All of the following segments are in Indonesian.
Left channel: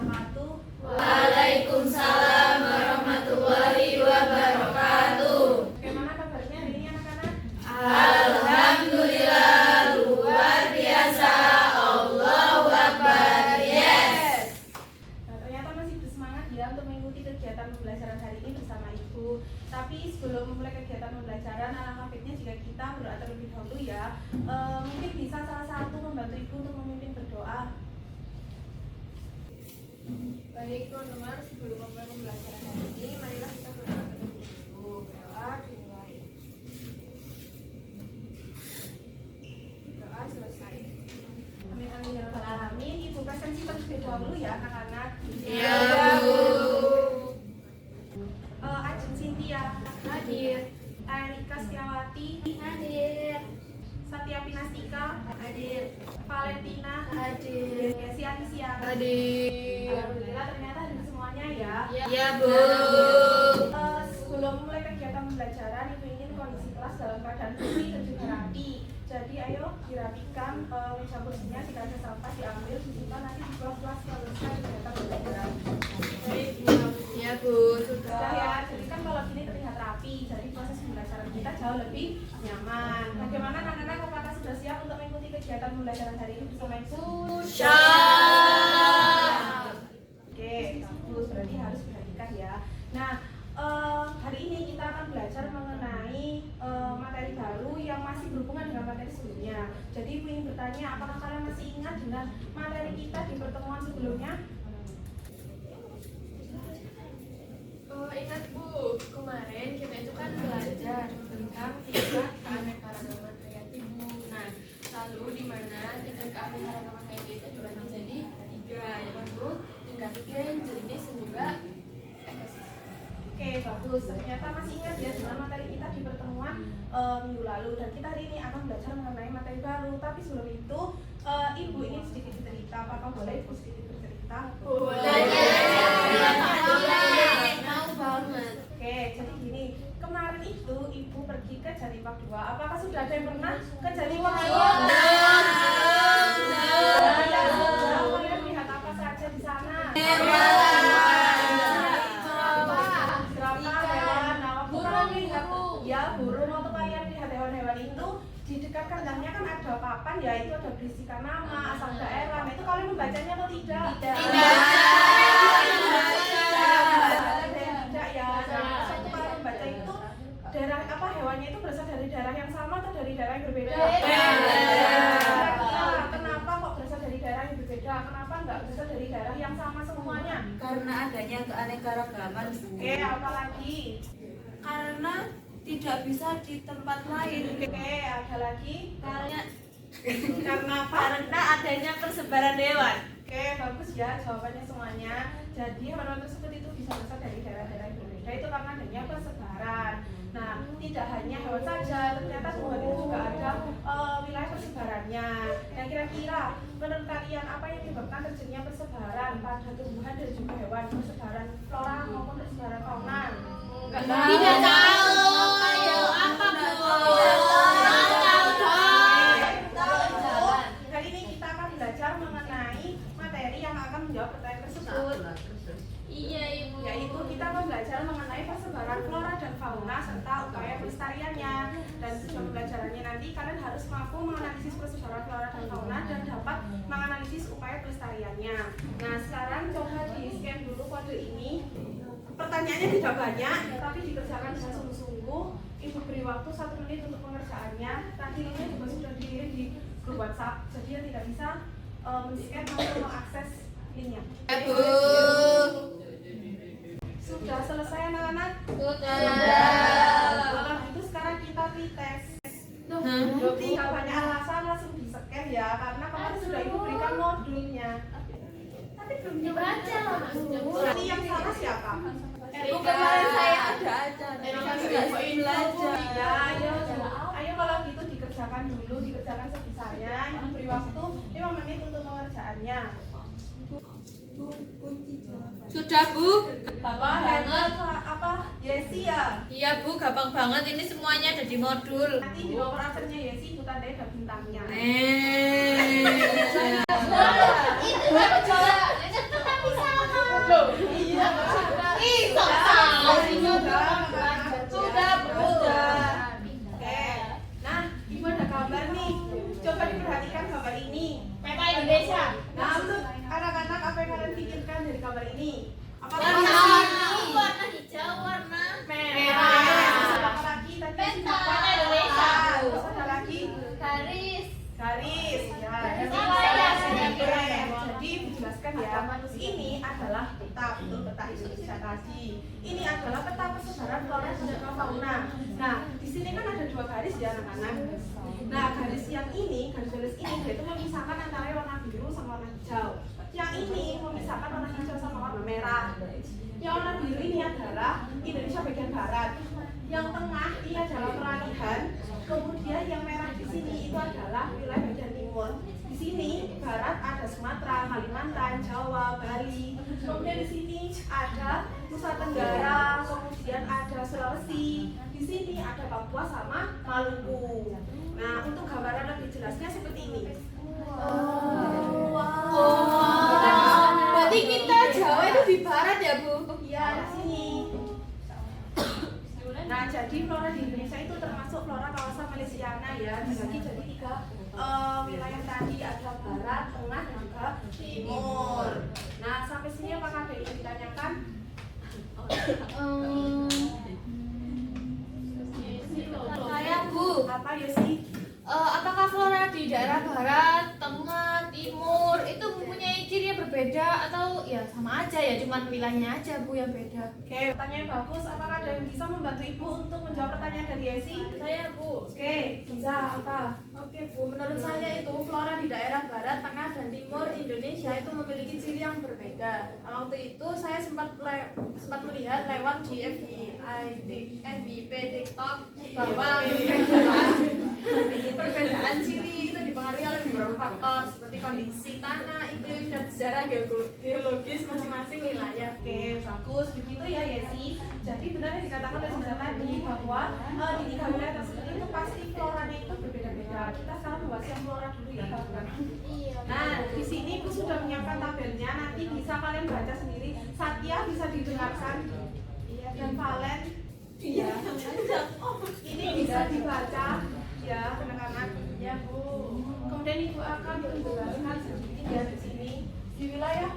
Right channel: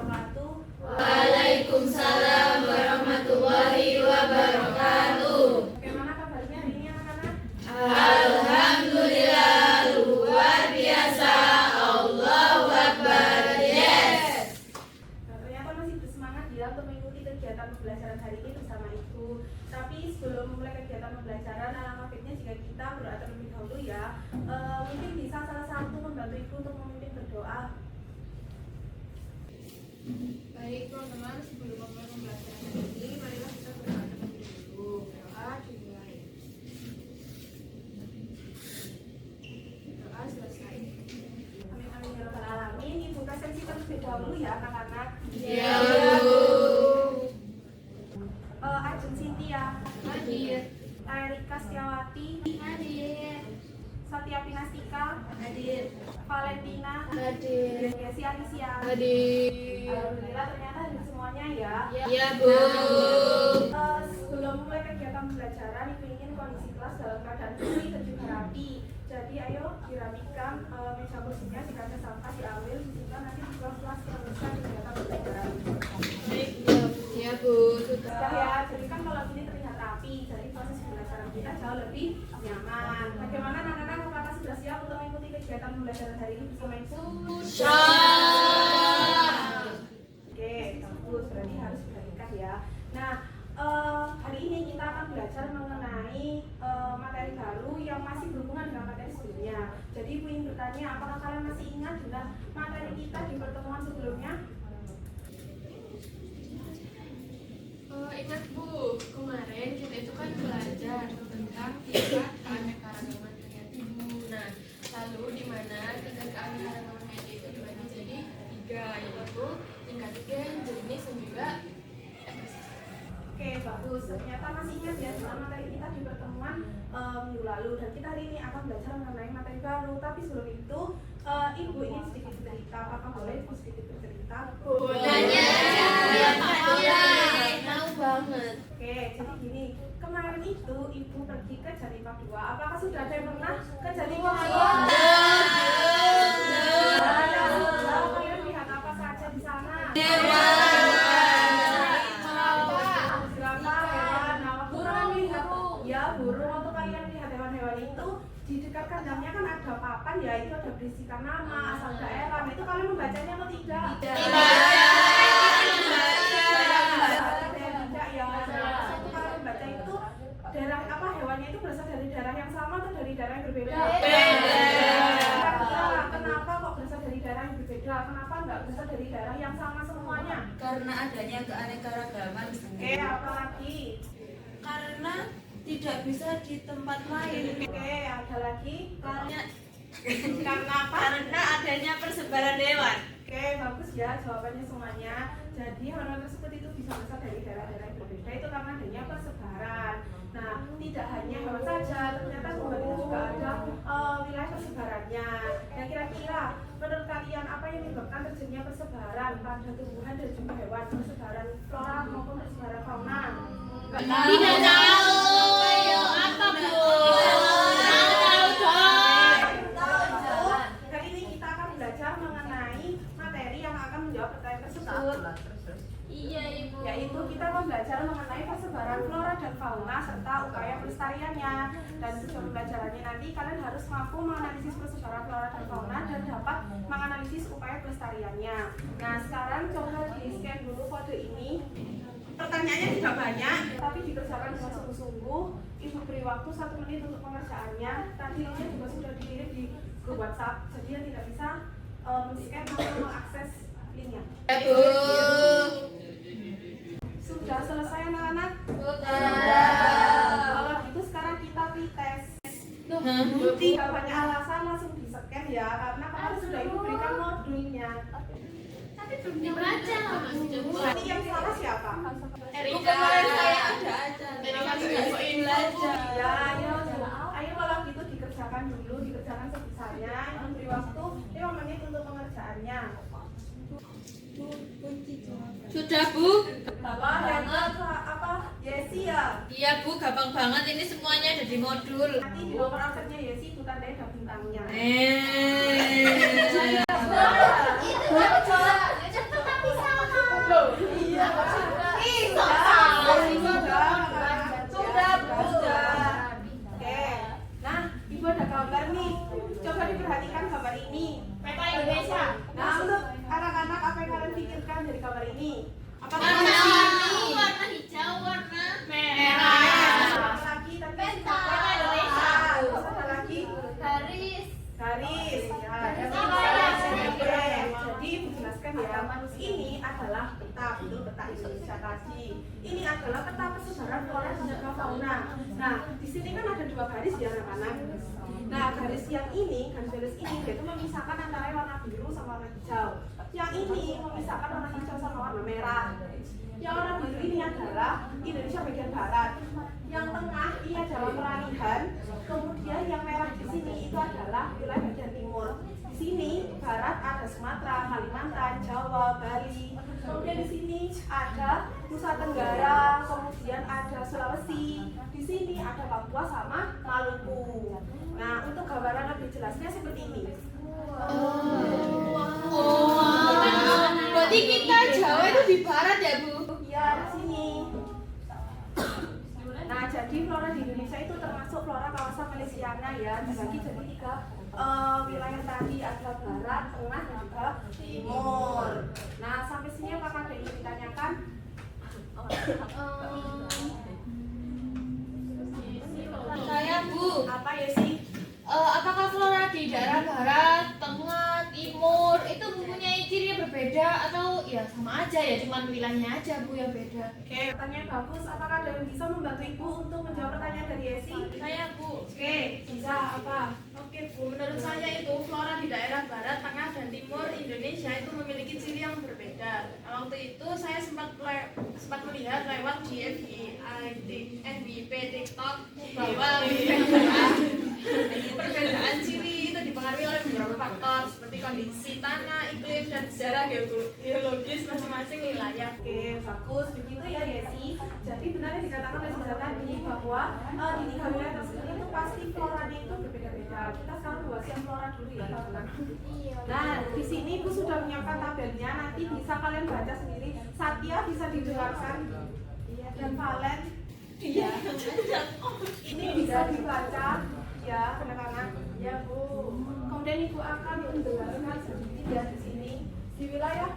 wabarakatuh. Waalaikumsalam warahmatullahi wabarakatuh. Bagaimana kabarnya hari ini anak-anak? Alhamdulillah, luar biasa. Allahu Akbar. Yes. Nah, ternyata masih bersemangat ya untuk mengikuti kegiatan pembelajaran hari ini bersama Ibu. Tapi sebelum memulai kegiatan pembelajaran, alangkah baiknya jika kita berdoa terlebih dahulu ya. Mungkin bisa salah satu membantu Ibu untuk memimpin berdoa. Baik teman-teman, sebelum memulai pembelajaran hari ini, marilah kita berdoa terlebih dahulu. Berdoa dimulai. Berdoa selesai. Amin amin ya rabbal alamin. Ibu presensi terlebih dahulu ya anak-anak. Ya, Bu. Ajeng Cynthia, Hadir. Erika Setiawati, Hadir. Satya Pinastika, Hadir. Valentina, Hadir. Desi Alicia. Hadir. Alhamdulillah ternyata hadir semuanya ya. Ya, Bu. Sebelum mulai kegiatan pembelajaran, Ibu ingin kondisi kelas dalam keadaan bersih dan juga rapi. Jadi ayo dirapikan meja kursinya, jika ada sampah diambil, disimpan nanti di kelas-kelas yang selesai kegiatan pembelajaran. Baik, Ya, Bu. Sudah ya, jadi kan kalau gini terlihat rapi, jadi proses pembelajaran kita jauh lebih nyaman. Bagaimana anak-anak, apakah sudah siap untuk mengikuti kegiatan pembelajaran hari ini bersama Ibu? Syah. Oke, bagus, berarti harus perhatikan ya. Nah, hari ini kita akan belajar mengenai materi baru yang masih berhubungan dengan materi sebelumnya. Jadi Ibu ingin bertanya, apakah kalian masih ingat dengan materi kita di pertemuan sebelumnya? ingat Bu, kemarin kita itu kan belajar tentang tingkat keanekaragaman hayati Bu. Nah, lalu di mana tingkat keanekaragaman hayati itu dibagi jadi 3, yaitu tingkat gen, jenis, dan juga ekosistem. Oke, bagus. Ternyata masih ingat ya dengan materi kita di pertemuan minggu lalu. Dan kita hari ini akan belajar mengenai materi baru. Tapi sebelum itu, Ibu ingin sedikit cerita. Apakah boleh Ibu sedikit bercerita? Tahu banget. Oke, jadi gini. Kemarin itu Ibu pergi ke Janipak 2. Apakah sudah ada yang pernah ke Janipak 2? Kalian lihat apa saja di sana? Ya, burung. Waktu kalian lihat hewan-hewan itu di dekat kandangnya kan ada papan ya, itu ada berisikan nama, asal daerah. Nah, itu kalian membacanya atau tidak? Tidak ya. Nah, waktu kalian membaca itu daerah apa hewannya itu berasal dari daerah yang sama atau dari daerah yang berbeda? Kenapa kok berasal dari daerah yang berbeda? Kenapa nggak berasal dari daerah yang sama semuanya? Karena adanya keanekaragaman. Oke, apa lagi? Karena tidak bisa di tempat lain. Oke, ada lagi? Karena Karena apa? karena adanya persebaran hewan. Oke, bagus ya jawabannya semuanya. Jadi hewan tersebut itu bisa berasal dari daerah-daerah yang berbeda, itu karena adanya persebaran. Nah, tidak hanya hewan saja, ternyata tumbuhan itu juga ada wilayah persebarannya. Nah, kira-kira menurut kalian apa yang menyebabkan terjadinya persebaran pada tumbuhan dan juga hewan, persebaran flora maupun persebaran fauna? Tidak tahu. Apa, Bu? Hari ini kita akan belajar mengenai materi yang akan menjawab pertanyaan tersebut. Iya, Ibu. Yaitu kita akan belajar mengenai persebaran flora dan fauna serta upaya pelestariannya. Dan tujuan pembelajarannya nanti kalian harus mampu menganalisis persebaran flora dan fauna dan dapat menganalisis upaya pelestariannya. Nah, sekarang coba di scan dulu kode ini. Pertanyaannya tidak banyak, tapi dikerjakan dengan sungguh-sungguh. Ibu beri waktu 1 menit untuk pengerjaannya. Tadi linknya juga sudah dikirim di grup WhatsApp, jadi yang tidak bisa men-scan atau mengakses linknya. Bu. Sudah selesai anak-anak? Kalau gitu sekarang kita tes. Tidak banyak alasan, langsung di-scan ya, karena kemarin sudah Ibu berikan modulnya. Tapi belum dibaca loh, Mas. Nanti yang salah siapa? Kemarin saya ada acara. Ya, ayo kalau gitu dikerjakan dulu, dikerjakan sebisanya. Ibu beri waktu 5 menit untuk pengerjaannya. Sudah, Bu. Apa hebat apa? Yesi ya. Iya, Bu, gampang banget ini semuanya ada di modul. Nanti di nomor absennya Yesi Ibu tandai ada bintangnya. Eh. Itu kan coba. Cepetan bisa. peta, betul peta Indonesia tadi. Ini adalah peta persebaran flora dan fauna. Nah, di sini kan ada 2 garis ya anak-anak. Nah, garis yang ini, garis ini dia itu memisahkan antara warna biru sama warna hijau. Yang ini memisahkan warna hijau sama warna merah. Yang warna biru ini adalah Indonesia bagian barat. Yang tengah ini adalah peralihan. Kemudian yang merah di sini itu adalah wilayah bagian timur. Di sini barat ada Sumatera, Kalimantan, Jawa, Bali. Kemudian di sini ada Nusa Tenggara, kemudian ada Sulawesi. Di sini ada Papua sama Maluku. Nah, untuk gambaran lebih jelasnya seperti ini. Berarti kita Jawa itu di barat ya, Bu? Iya, di sini. Nah, jadi flora di Indonesia itu termasuk flora kawasan Malaysiana ya, dibagi jadi 3 wilayah tadi, ada barat, tengah, dan juga timur. Nah, sampai sini apakah ada yang ingin ditanyakan? Saya, Bu. Apa ya sih? Apakah flora di daerah barat, tengah, timur itu mempunyai ciri yang berbeda atau ya sama aja ya, cuman wilayahnya aja, Bu, yang beda? Oke, pertanyaan bagus. Apakah ada yang bisa membantu Ibu untuk menjawab pertanyaan dari Esi? Saya, Bu. Oke, bisa apa? Oke, Bu. Menurut saya itu flora di daerah barat, tengah, dan timur Indonesia itu memiliki ciri yang berbeda. Nah, waktu itu saya sempat melihat lewat di FYP, TikTok bahwa perbedaan ciri itu dipengaruhi oleh beberapa faktor seperti kondisi tanah, iklim, dan sejarah geologis masing-masing wilayah. Oke, bagus. Begitu ya, Yesi. Jadi benar yang dikatakan oleh Sandra tadi bahwa di 3 wilayah tersebut itu pasti floranya itu berbeda-beda. Kita sekarang bahas yang flora dulu ya, teman-teman. Nah, di sini Ibu sudah menyiapkan tabelnya. Nanti bisa kalian baca sendiri. Satya bisa didengarkan. Dan Valen, iya. Ini bisa dibaca, ya, anak-anak. Ya, Bu. Kemudian Ibu akan menjelaskan sedikit ya di sini di wilayah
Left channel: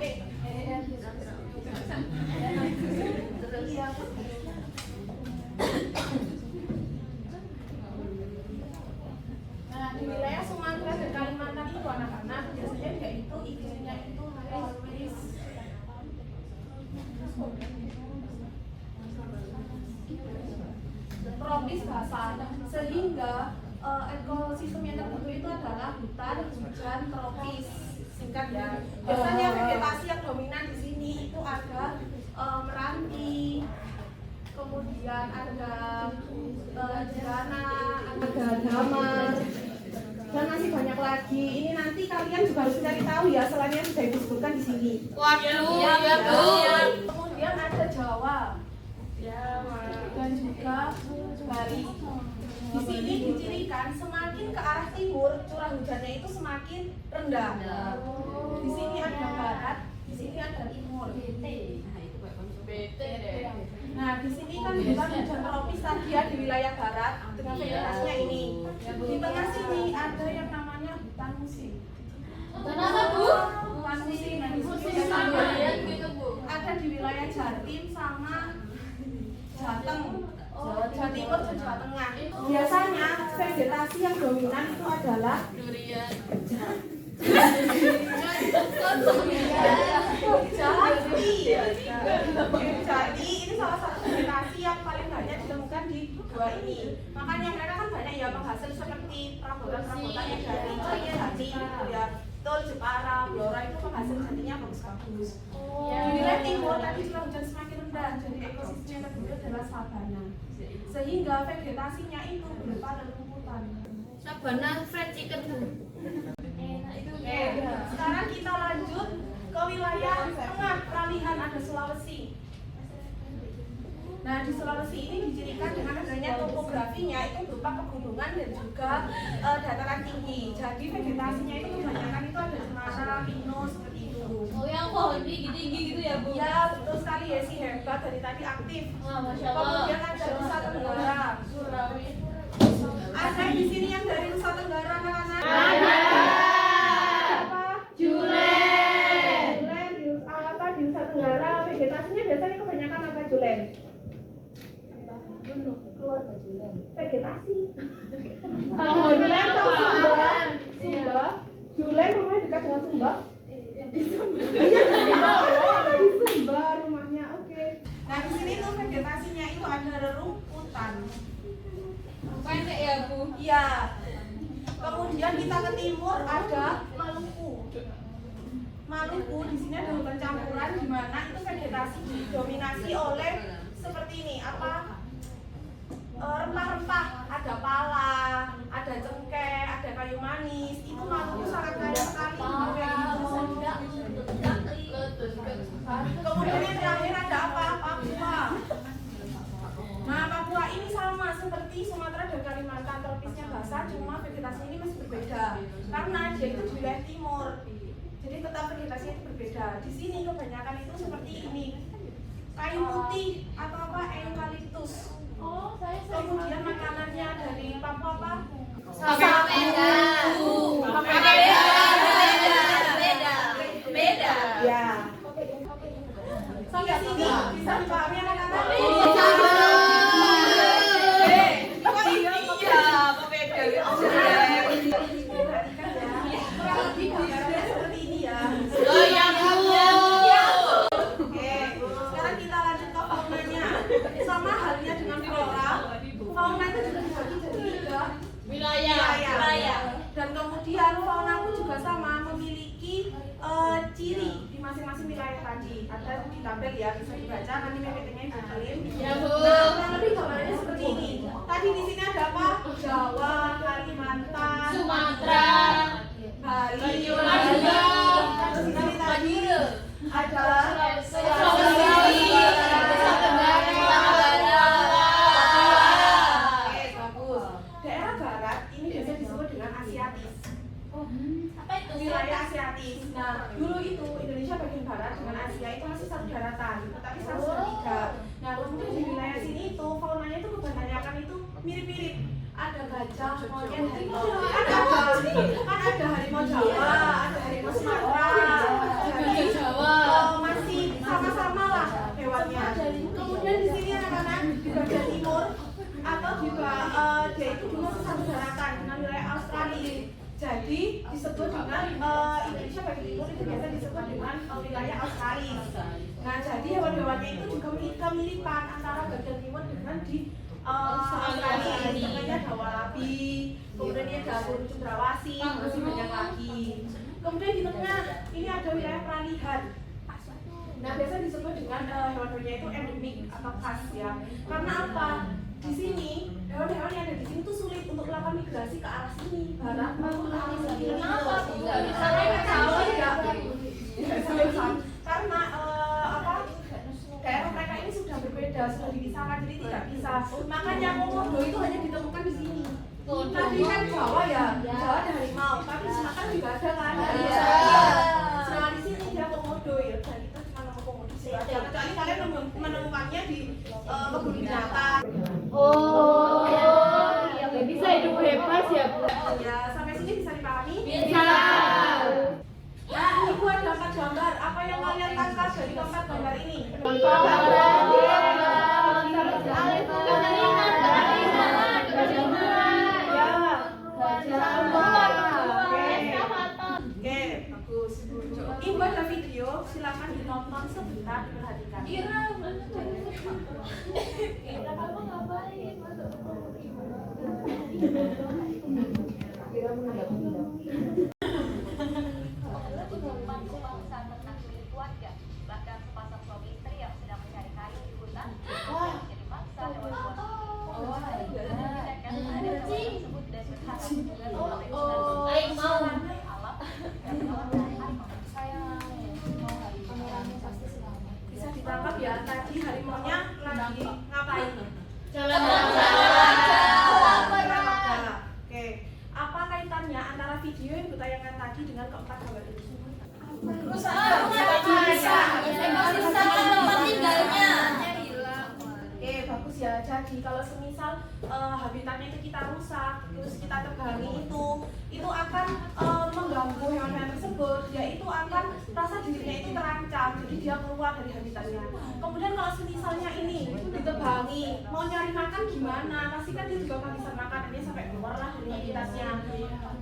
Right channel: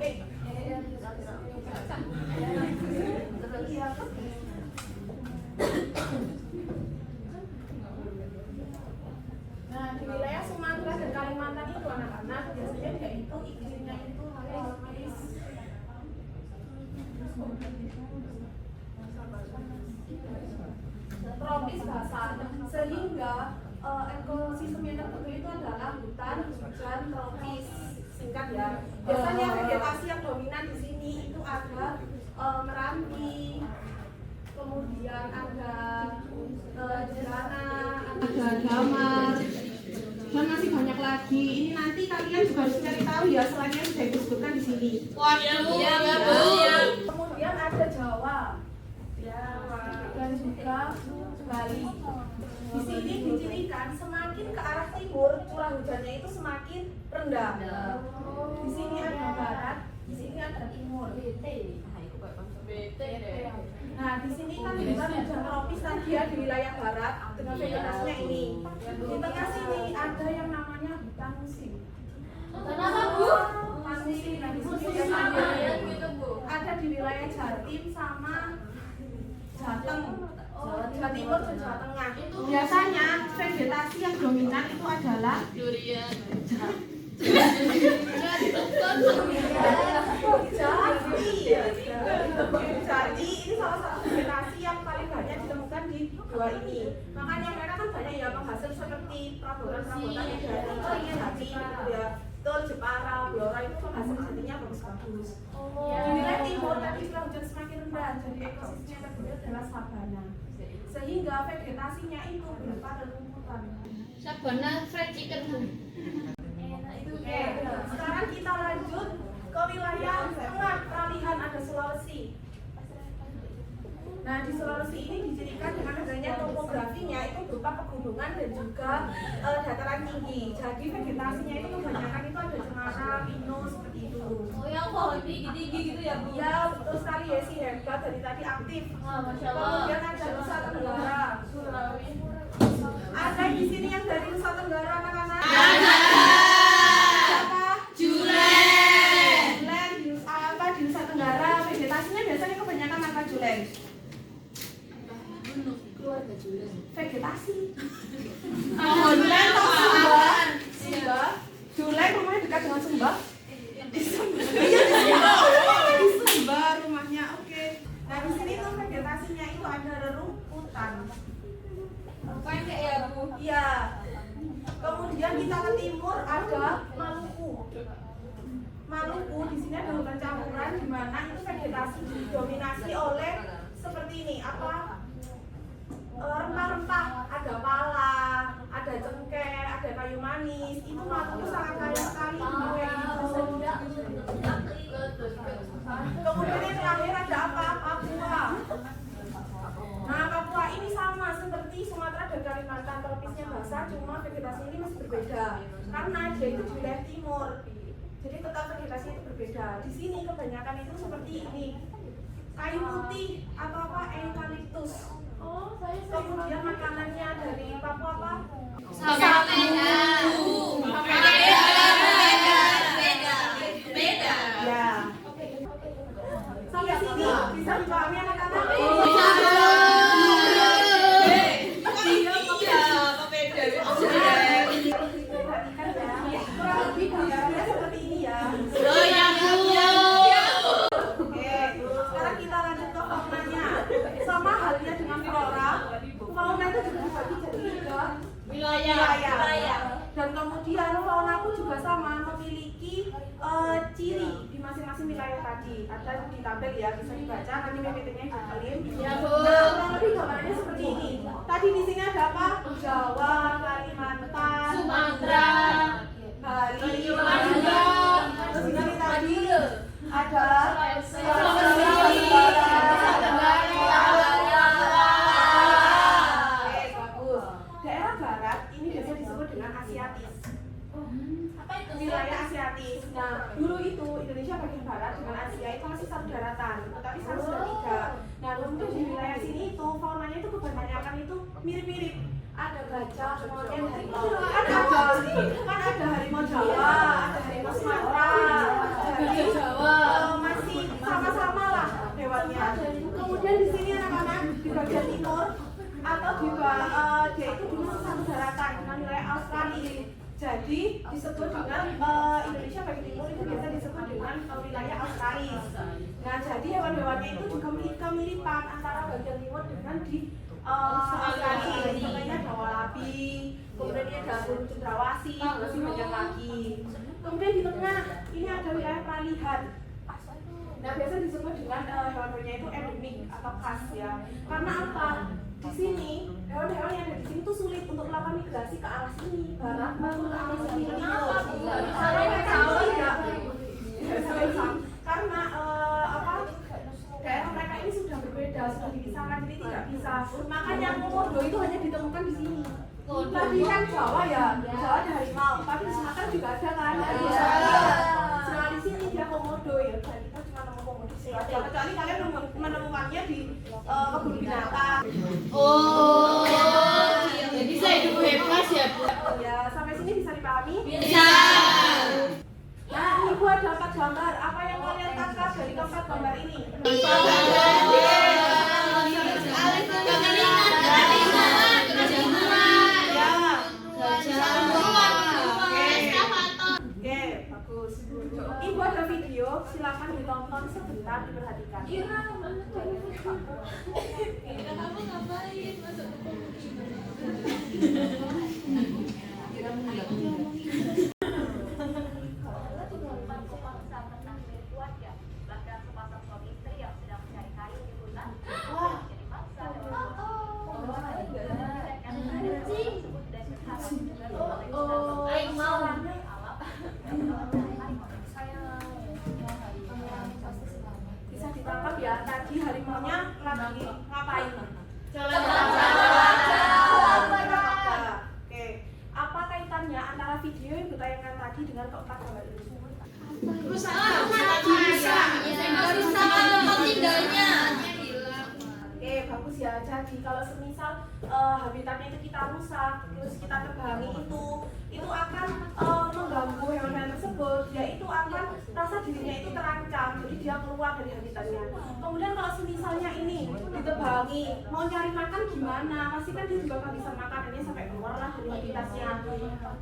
Nah, di wilayah Sumatera dan Kalimantan itu anak-anak biasanya yaitu iklimnya itu tropis basah, sehingga ekosistem yang terbentuk itu adalah hutan hujan tropis, singkat ya. Biasanya vegetasi yang dominan di sini itu ada meranti, kemudian ada jerana, ada damar, dan masih banyak lagi. Ini nanti kalian juga harus cari tahu ya, selain yang sudah disebutkan di sini. Waduh, ya, Bu. Kemudian ada Jawa, dan juga Bali. Di sini dicirikan semakin ke arah timur curah hujannya itu semakin rendah. Di sini ada barat, di sini ada timur. Nah, di sini kan kita hujan tropis tadi ya di wilayah barat dengan vegetasinya ini. Di tengah sini ada yang namanya hutan musim. Kenapa, Bu? Hutan musim. Nah, di sini ada di wilayah Jatim sama Jateng. Jawa Timur dan Jawa Tengah. Biasanya vegetasi yang dominan itu adalah Durian. Jadi ini salah satu vegetasi yang paling banyak ditemukan di 2 ini. Makanya mereka kan banyak ya penghasil seperti perabotan-perabotan yang dari Jati, ya, Tol, Jepara, Blora itu penghasil jatinya bagus-bagus. Di wilayah timur tadi curah hujan semakin rendah, jadi ekosistem yang terbentuk adalah sabana. Sehingga vegetasinya itu berupa rumputan. Sabana fried chicken, Bu. Oke, sekarang kita lanjut ke wilayah tengah peralihan, ada Sulawesi. Nah, di Sulawesi ini dicirikan dengan adanya topografinya itu berupa pegunungan dan juga dataran tinggi. Jadi vegetasinya itu kebanyakan itu ada cemara, pinus, seperti itu. Oh, yang pohon tinggi-tinggi gitu ya, Bu? Ya, betul sekali ya, si hebat dari tadi aktif. Masya Allah. Kemudian ada Nusa Tenggara. Ada di sini yang dari Nusa Tenggara, anak-anak? Ada. Siapa? Julen. Julen di Nusa Tenggara. Vegetasinya biasanya kebanyakan apa, Julen? Keluarga Julen. Vegetasi. Julen atau Sumba? Sumba. Julen rumahnya dekat dengan Sumba? Di Sumba. Iya, di Sumba. Di Sumba. vegetasinya itu ada rerumputan. Pendek ya Bu. Iya. Kemudian kita ke timur ada Maluku. Maluku di sini ada hutan campuran di mana itu vegetasi didominasi oleh seperti ini apa rempah-rempah, ada pala, ada cengkeh, ada kayu manis. Itu Maluku sangat kaya sekali kayak gitu. Kemudian yang terakhir ada apa? Papua. Nah, Papua ini sama seperti Sumatera dan Kalimantan, tropisnya basah, cuma vegetasi ini masih berbeda karena dia itu di wilayah timur. Jadi tetap vegetasinya itu berbeda. Di sini kebanyakan itu seperti ini, kayu putih atau apa eukaliptus. Kemudian makanannya dari Papua apa? Beda. Ya. Sampai sini bisa dipahami anak-anak? Perhatikan ya, kurang lebih gambarnya seperti ini ya. Oke, sekarang kita lanjut ke faunanya. Sama halnya dengan flora, fauna itu juga dibagi jadi tiga wilayah. Dan kemudian fauna pun juga sama, memiliki ciri di masing-masing wilayah tadi. Ada di tabel ya, bisa dibaca, nanti PPT-nya dikelin. Nah, kurang lebih gambarannya seperti ini. Tadi di sini ada apa? Jawa, Kalimantan, Sumatera, Bali, Terus ini tadi ada Oke, bagus. Daerah barat ini biasa disebut dengan Asiatis. Wilayah Asiatis. Nah, dulu itu Indonesia bagian barat dengan Asia itu masih satu daratan, tetapi sekarang sudah tiga. Nah, kemudian di wilayah sini itu faunanya itu kebanyakan itu mirip-mirip. Ada gajah, monyet, harimau. Kan ada harimau Jawa, ada harimau Sumatera. Jadi masih sama-sama lah hewannya. Kemudian di sini anak-anak di bagian timur atau dia itu dulu satu daratan dengan wilayah Australia. Jadi disebut dengan Indonesia bagian timur itu biasa disebut dengan wilayah Australia. Nah, jadi hewan-hewannya itu juga kemiripan antara bagian timur dengan di Australia. Contohnya ada walabi, kemudian ini ada burung cendrawasih, masih banyak lagi. Kemudian di tengah ini ada wilayah peralihan. Nah, biasa disebut dengan hewan-hewannya itu endemik atau khas ya. Karena apa? Di sini hewan-hewan yang ada di sini tuh sulit untuk melakukan migrasi ke arah sini, barat maupun ke arah sini. Karena daerah mereka ini sudah berbeda, sudah dipisahkan, jadi tidak bisa. Makanya komodo itu hanya ditemukan di sini. Tadi kan Jawa ya, Jawa ada harimau, tapi di Sumatera juga ada kan. Nah, di sini dia komodo ya, dan kita cuma nemu komodo di sini aja. Kecuali kalian menemukannya di kebun binatang. Bisa hidup bebas ya Bu? Ya, sampai sini bisa dipahami? Bisa. Nah, ibu ada 4 gambar. Apa yang kalian tangkap dari keempat gambar ini? Oke, bagus. Ibu ada video, silakan ditonton sebentar, diperhatikan. Bisa ditangkap ya, tadi harimaunya lagi ngapain? Oke, apa kaitannya antara video yang ditayangkan tadi dengan keempat gambar ini? Oke, bagus ya. Jadi kalau semisal habitatnya itu kita rusak, terus kita tebangi itu akan mengganggu hewan-hewan tersebut. Dia itu akan rasa dirinya itu terancam, jadi dia keluar dari habitatnya. Kemudian kalau semisalnya ini ditebangi nih mau nyari makan gimana, pasti kan dia juga bisa makan, ini sampai keluar lah dari habitatnya.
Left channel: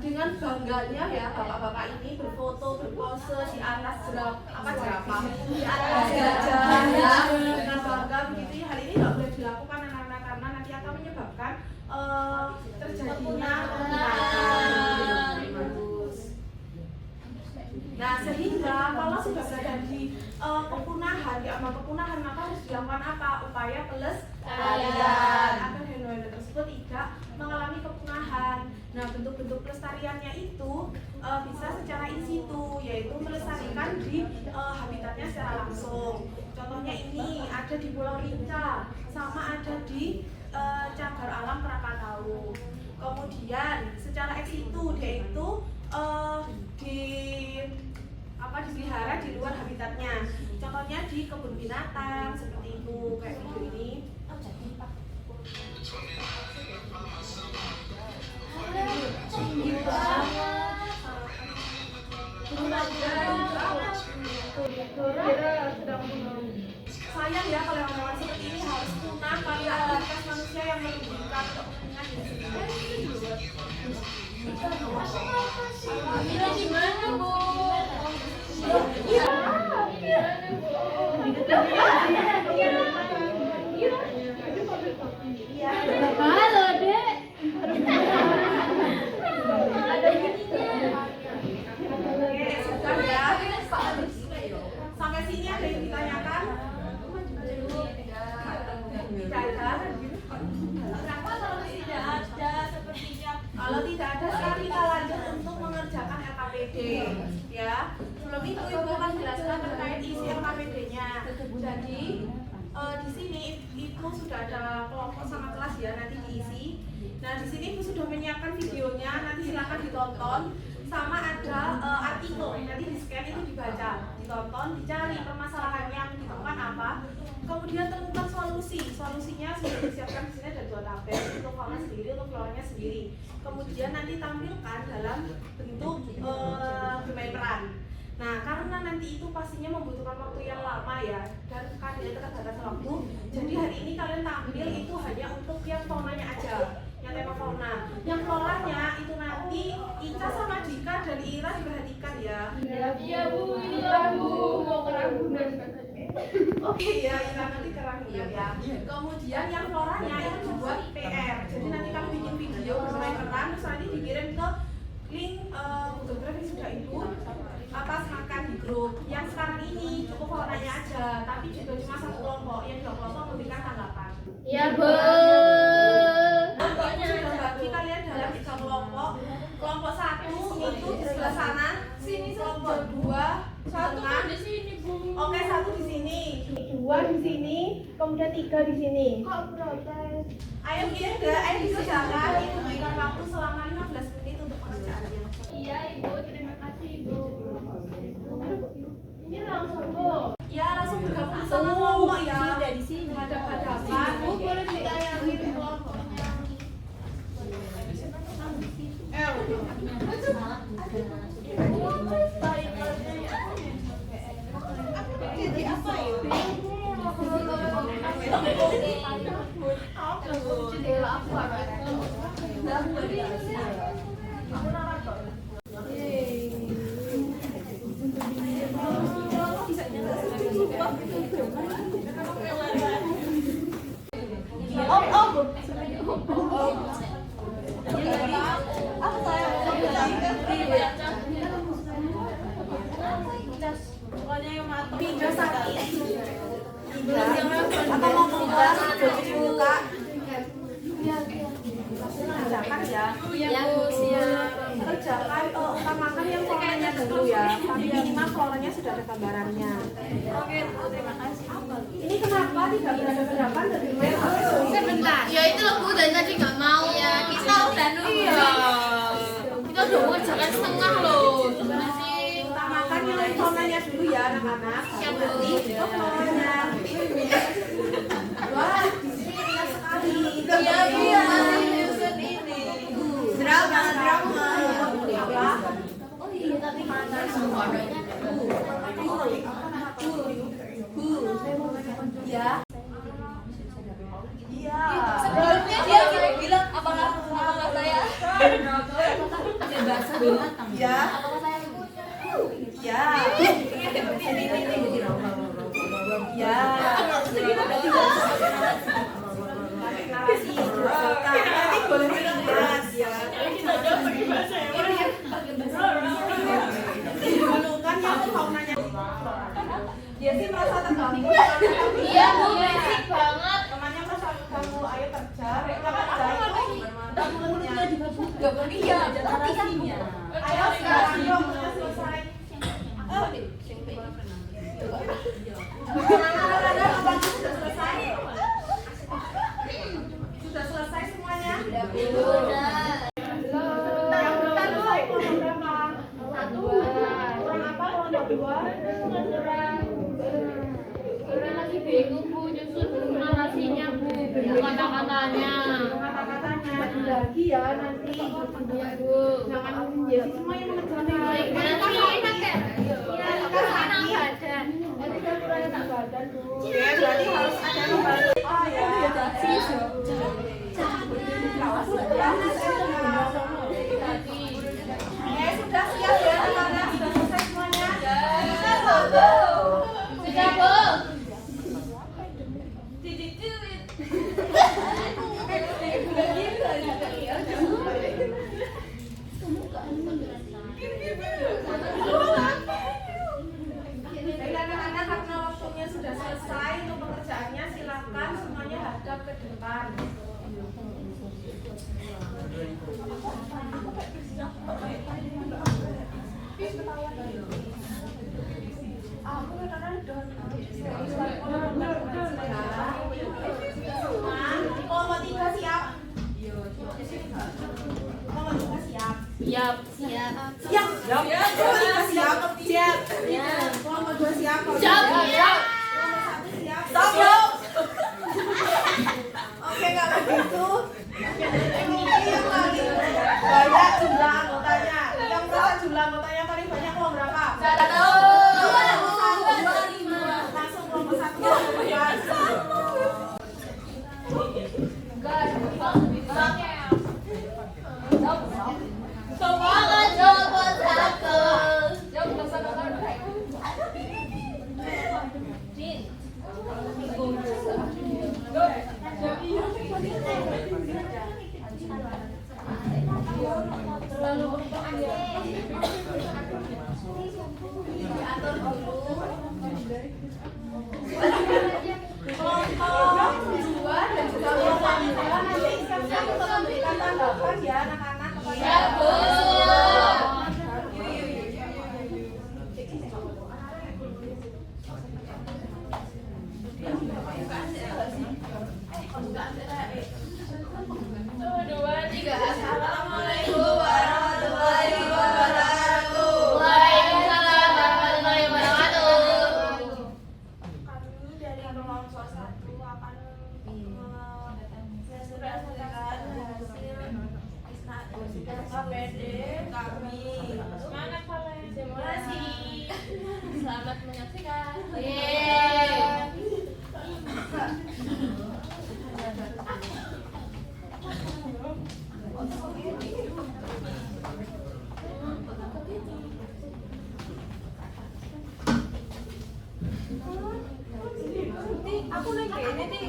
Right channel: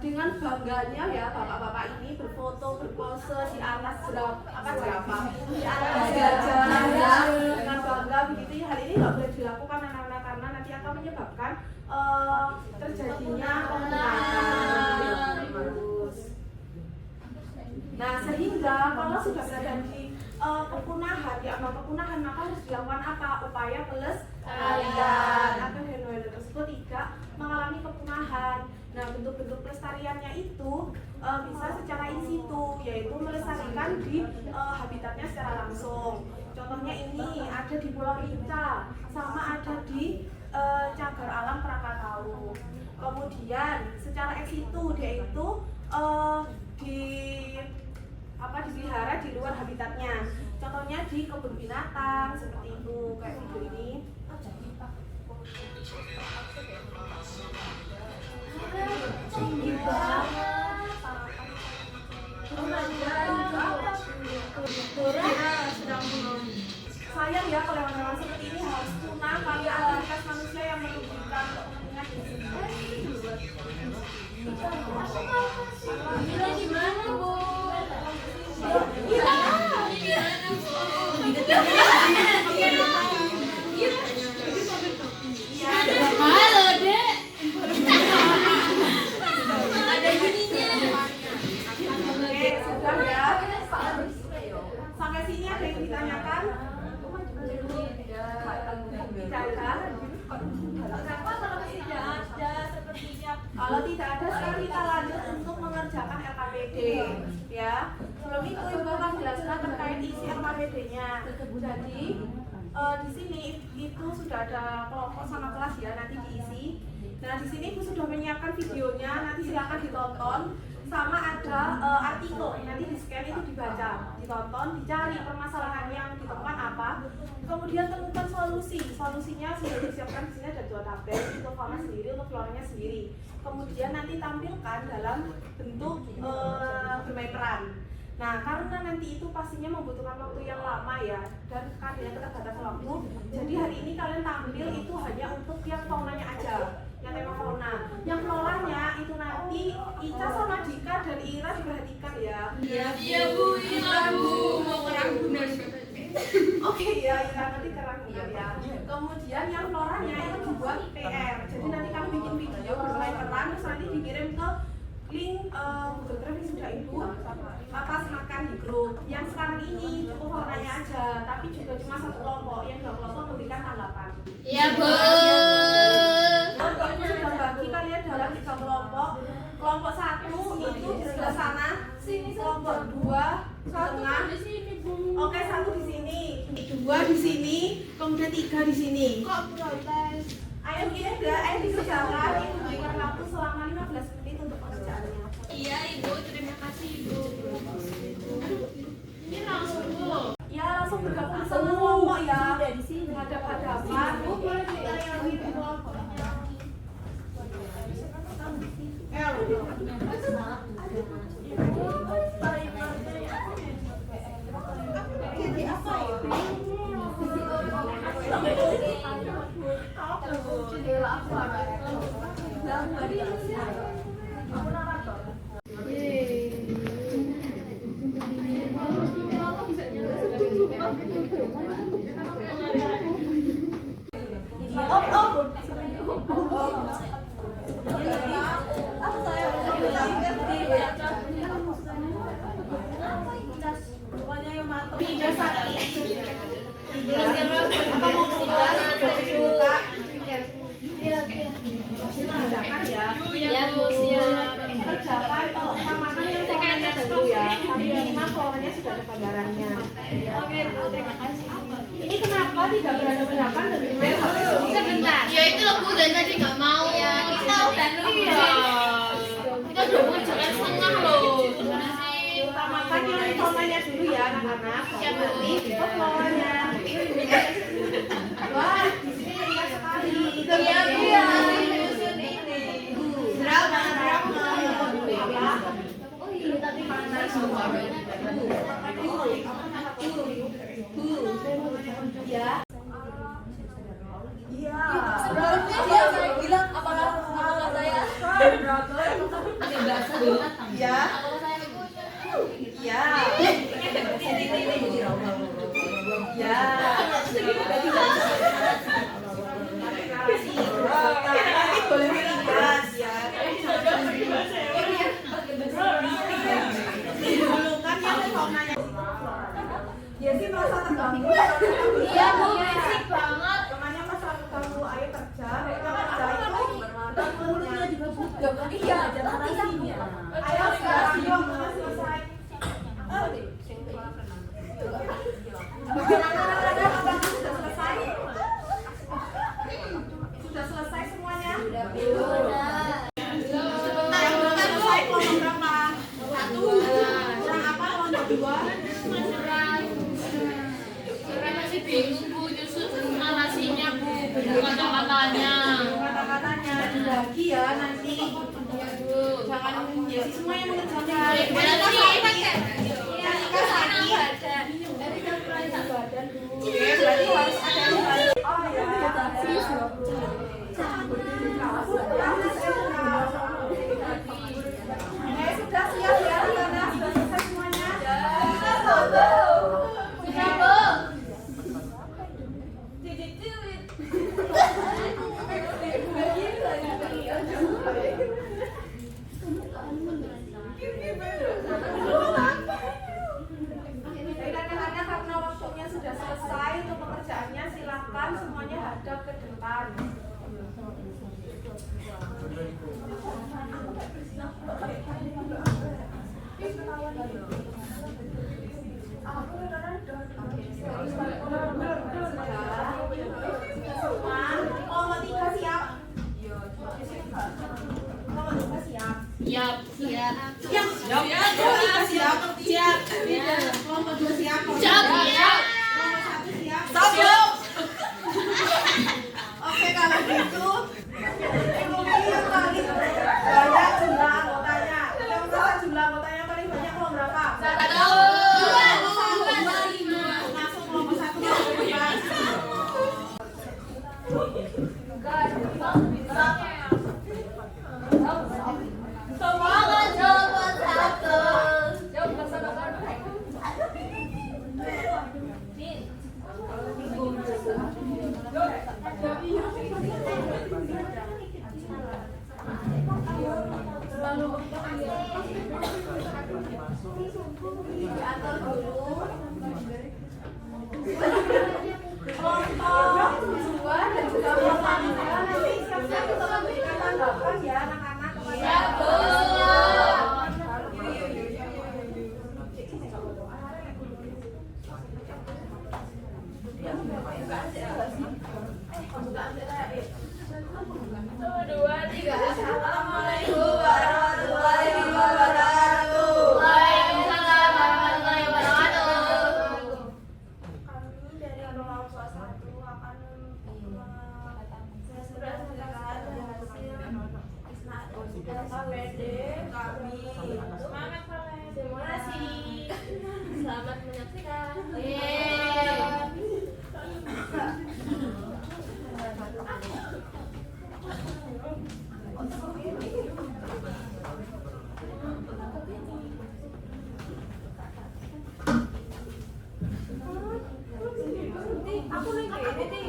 Dengan bangganya ya bapak-bapak ini berfoto, berpose di atas jerapah, di atas gajah ya, dengan bangga begitu ya. Hal ini nggak boleh dilakukan anak-anak karena nanti akan menyebabkan terjadinya pembunuhan. Nah, sehingga kalau sudah berada di kepunahan, di ambang kepunahan, maka harus dilakukan apa? Upaya pelestarian agar hewan tersebut tidak mengalami kepunahan. Nah, bentuk-bentuk pelestariannya itu bisa secara in situ, yaitu melestarikan di habitatnya secara langsung. Contohnya ini ada di Pulau Rinca, sama ada di Cagar Alam Krakatau. Kemudian secara ex situ dia itu dipelihara di luar habitatnya. Contohnya di kebun binatang seperti itu, kayak video ini. Sayang ya kalau hewan seperti ini harus punah karena aktivitas manusia yang merugikan untuk kepentingan diri sendiri. Gimana, Bu? Halo, Dek. Ada bunyinya. Oke, sudah ya. Sampai sini ada yang ditanyakan? Tidak ada. Kenapa kalau tidak ada sepertinya? Kalau tidak ada, sekarang kita lanjut untuk mengerjakan LKPD ya. Sebelum itu Ibu akan jelaskan terkait isi LKPD-nya. Jadi di sini itu sudah ada kelompok sama kelas ya, nanti diisi. Nah, di sini Ibu sudah menyiapkan videonya, nanti silakan ditonton. Sama ada artikel, nanti di scan itu dibaca, ditonton, dicari permasalahan yang ditemukan apa. Kemudian temukan solusinya sudah disiapkan di sini, ada 2 tabel, untuk fauna sendiri, untuk floranya sendiri. Kemudian nanti tampilkan dalam bentuk bermain peran. Nah, karena nanti itu pastinya membutuhkan waktu yang lama ya, dan kadernya terbatas waktu. Jadi hari ini kalian tampil itu hanya untuk yang faunanya aja, yang tema fauna. Yang floranya itu nanti Ica sama Dika dan Ira diperhatikan ya. Iya, Bu. Iya, Bu. Mau kerambunan. Oke ya, Ira nanti kerambunan ya. Kemudian yang floranya itu dibuat PR. Jadi nanti kamu bikin video bermain peran, terus nanti dikirim ke link Google Drive yang sudah Ibu atas makan di grup. Yang sekarang ini cukup faunanya aja, tapi juga cuma 1 kelompok. Yang 2 kelompok memberikan tanggapan. Ya, Bu. Aku sudah bagi kalian dalam 3 kelompok. Kelompok 1 itu di sebelah sana, kelompok 2 di tengah. Oke, 1 di sini, 2 di sini, kemudian 3 di sini. Kok protes? Ayo kita, ayo dikerjakan. Ibu berikan waktu selama 15 menit untuk pengerjaannya. Iya, Ibu. Terima kasih, Ibu. Ini langsung Bu. Ya, langsung bergabung sama kelompok ya. Di sini ada hadapan. Bu boleh ditayangin kelompoknya. Jadi apa itu? Atau mau kelas buka? Kerjakan ya. Ya, Bu. Kerjakan utamakan yang floranya dulu ya. Tapi minimal floranya sudah ada gambarannya. Oke, Bu, terima kasih. Ini kenapa tidak berhadapan dengan main HP? Sebentar. Ya itu loh, Bu, dari tadi nggak mau. Ya, kita udah nunggu. Iya. Kita udah mengerjakan setengah loh. Utamakan yang floranya dulu ya, anak-anak. Siap, Bu. Itu floranya. Wah, di sini indah sekali. Iya, Bu. Drama. Apa? Oh iya, tadi mana? Ya. binatang. Ya. Apakah saya Ya. Ya. Deklarasi. Nanti boleh melintas ya. Dulu kan yang faunanya. Dia sih merasa terganggu. Iya, Bu, basic banget. Temannya pas kamu ayo kerja, kerja itu Iya, deklarasinya. ayo sekarang kamu selesai. Anak-anak sudah selesai? Sudah selesai semuanya? Udah. Yang belum selesai kelompok berapa? Satu. Kurang apa kelompok dua? Surah masih bingung, Bu, nyusun narasinya, Bu, kata-katanya. Kata-katanya dibagi ya nanti. Iya, Bu. Jangan jadi semua yang mengerjakan. Oke, berarti harus ada yang bantu. Oh ya. Sudah siap ya anak-anak? Sudah selesai semuanya? Sudah, Bu. Baik anak-anak, karena waktunya sudah selesai untuk pekerjaannya, silakan semuanya hadap ke depan. Kelompok tiga siap? Kelompok tiga siap? Siap. Siap. Kelompok tiga siap. Siap. Kelompok dua siap. Siap. Kelompok satu siap. Siap. Oke, kalau gitu mungkin yang paling banyak jumlah anggotanya. Yang merasa jumlah anggotanya paling banyak kelompok berapa? Langsung kelompok satu kelompok dua. Semangat jawaban satu. Kelompok dua dan juga kelompok tiga nanti siap-siap untuk memberikan tanggapan ya anak-anak kepada Siap, Bu. Dua, tiga. Assalamualaikum warahmatullahi wabarakatuh. Waalaikumsalam warahmatullahi wabarakatuh. kami dari kelompok satu akan menyampaikan hasil KPD kami. Semangat kalian. Terima kasih. Selamat menyaksikan. Yeay. Aku lagi ini nih.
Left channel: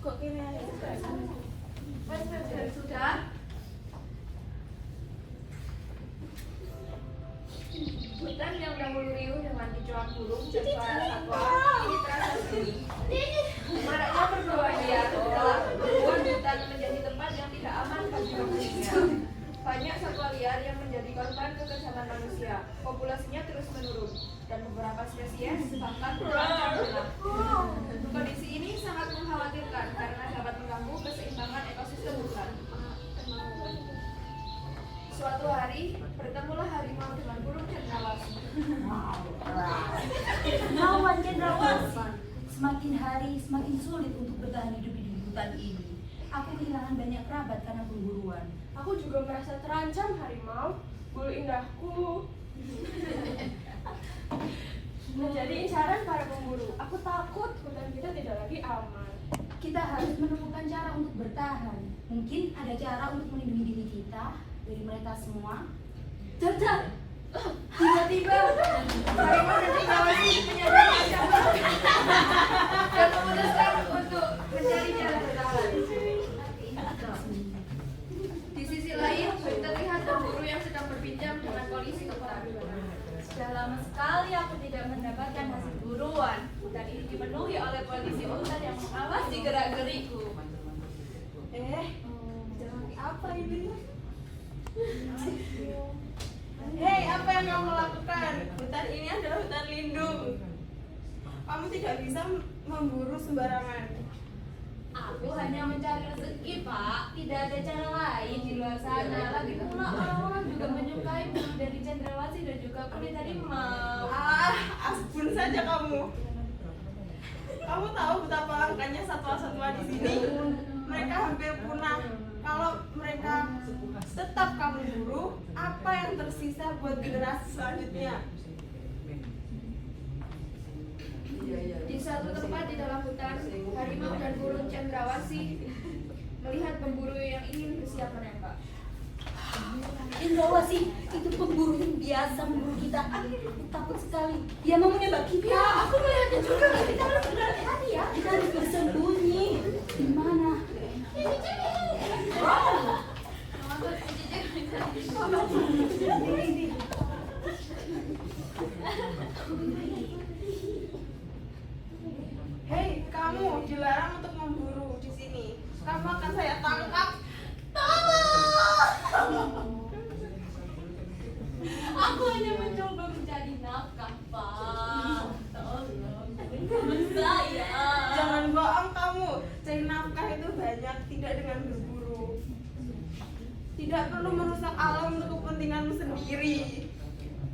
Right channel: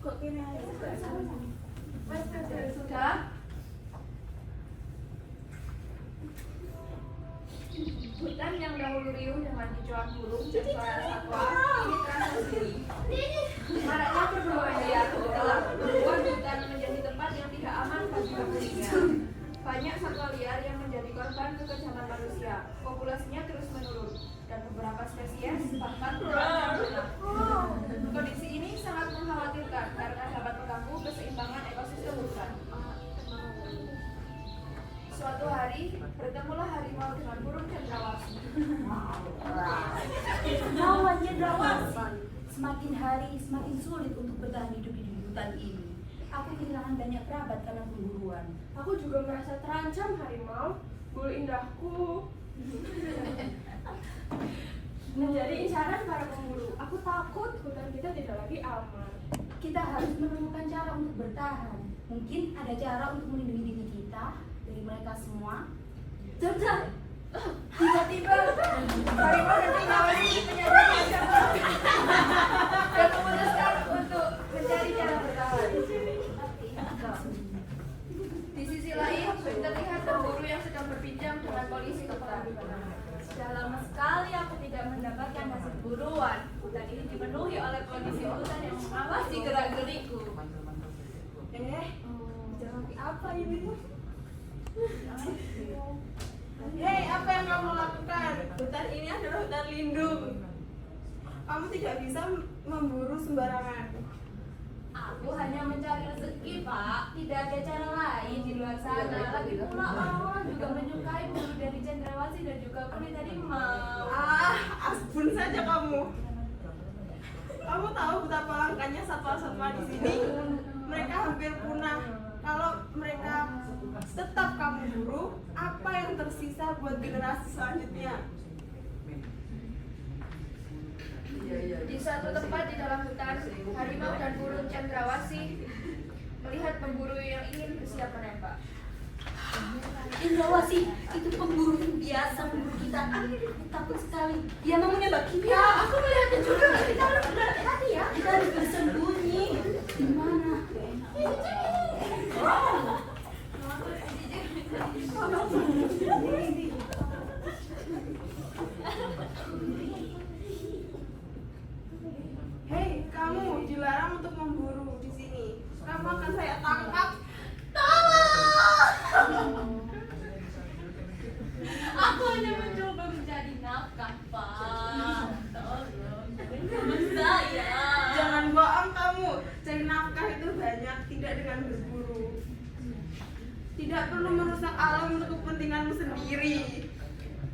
Kok kini sudah? Hutan yang dahulu riuh dengan kicauan burung dan suara satwa ini terasa sepi. Maraknya perburuan liar telah membuat hutan menjadi tempat yang tidak aman bagi manusia. Banyak satwa liar yang menjadi korban kekejaman manusia. Populasinya terus menurun dan beberapa spesies bahkan terancam punah. Kondisi ini sangat mengkhawatirkan karena dapat mengganggu keseimbangan ekosistem hutan. Suatu hari, bertemulah harimau dengan burung cendrawasih. Lawan cendrawasih. Semakin hari semakin sulit untuk bertahan hidup di hutan ini. Aku kehilangan banyak kerabat karena pemburuan. Aku juga merasa terancam harimau, bulu indahku. Menjadi incaran para pemburu. Aku takut hutan kita tidak lagi aman. Kita harus menemukan cara untuk bertahan. Mungkin ada cara untuk melindungi diri kita dari mereka semua. Dadah! Tiba-tiba harimau dan cendrawasih menyadari ancaman dan memutuskan untuk mencari cara bertahan. Di sisi lain, terlihat pemburu yang sedang berbincang dengan polisi hutan. Sudah lama sekali aku tidak mendapatkan hasil buruan. Hutan ini dipenuhi oleh polisi hutan yang mengawasi gerak-geriku. Jangan apa ini? Hei, apa yang kamu lakukan? Hutan ini adalah hutan lindung. Kamu tidak bisa memburu sembarangan. Aku hanya mencari rezeki, Pak. Tidak ada cara lain di luar sana. Lagi pula orang-orang juga menyukai bulu dari cendrawasih dan juga kulit harimau. Ampun saja kamu. Kamu tahu betapa langkanya satwa-satwa di sini? Mereka hampir punah. Kalau mereka tetap kamu buru, apa yang tersisa buat generasi selanjutnya? Di suatu tempat di dalam hutan, harimau dan burung cendrawasih melihat pemburu yang ingin bersiap menembak. Cendrawasih itu pemburu yang biasa memburu kita. Aku takut sekali. Dia mau menembak kita. Aku melihatnya juga. Kita harus berhati-hati ya. Kita harus bersembunyi. Di mana? Hei, kamu dilarang untuk memburu di sini. Kamu akan saya tangkap. Aku hanya mencoba mencari nafkah, Pak. Tolong, dengarkan saya. Jangan bohong kamu. Cari nafkah itu banyak, tidak dengan berburu. Tidak perlu merusak alam untuk kepentinganmu sendiri.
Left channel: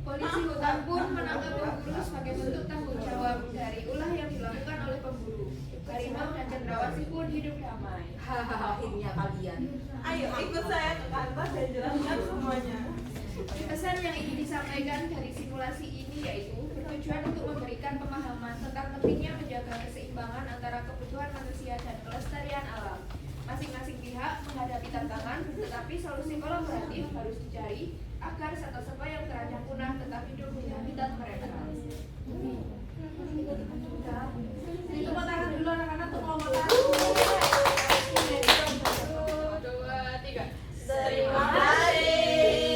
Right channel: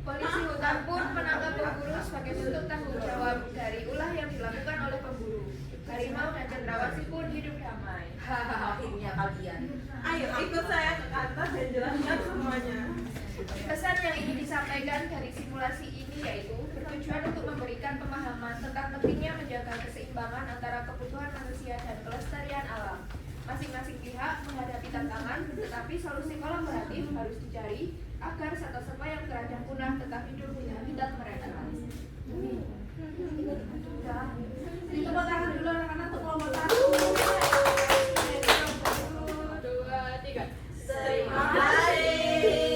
Polisi hutan pun menangkap pemburu sebagai bentuk tanggung jawab dari ulah yang dilakukan oleh pemburu. Harimau dan cendrawasih pun hidup damai. Akhirnya kalian. Ayo ikut saya ke kantor dan jelaskan semuanya. Pesan yang ingin disampaikan dari simulasi ini yaitu bertujuan untuk memberikan pemahaman tentang pentingnya menjaga keseimbangan antara kebutuhan manusia dan kelestarian alam. Masing-masing pihak menghadapi tantangan, tetapi solusi kolaboratif harus dicari agar satwa-satwa yang terancam punah tetap hidup di habitat mereka. Jadi tepuk tangan dulu anak-anak untuk kelompok satu. 1, 2, 3. Terima kasih.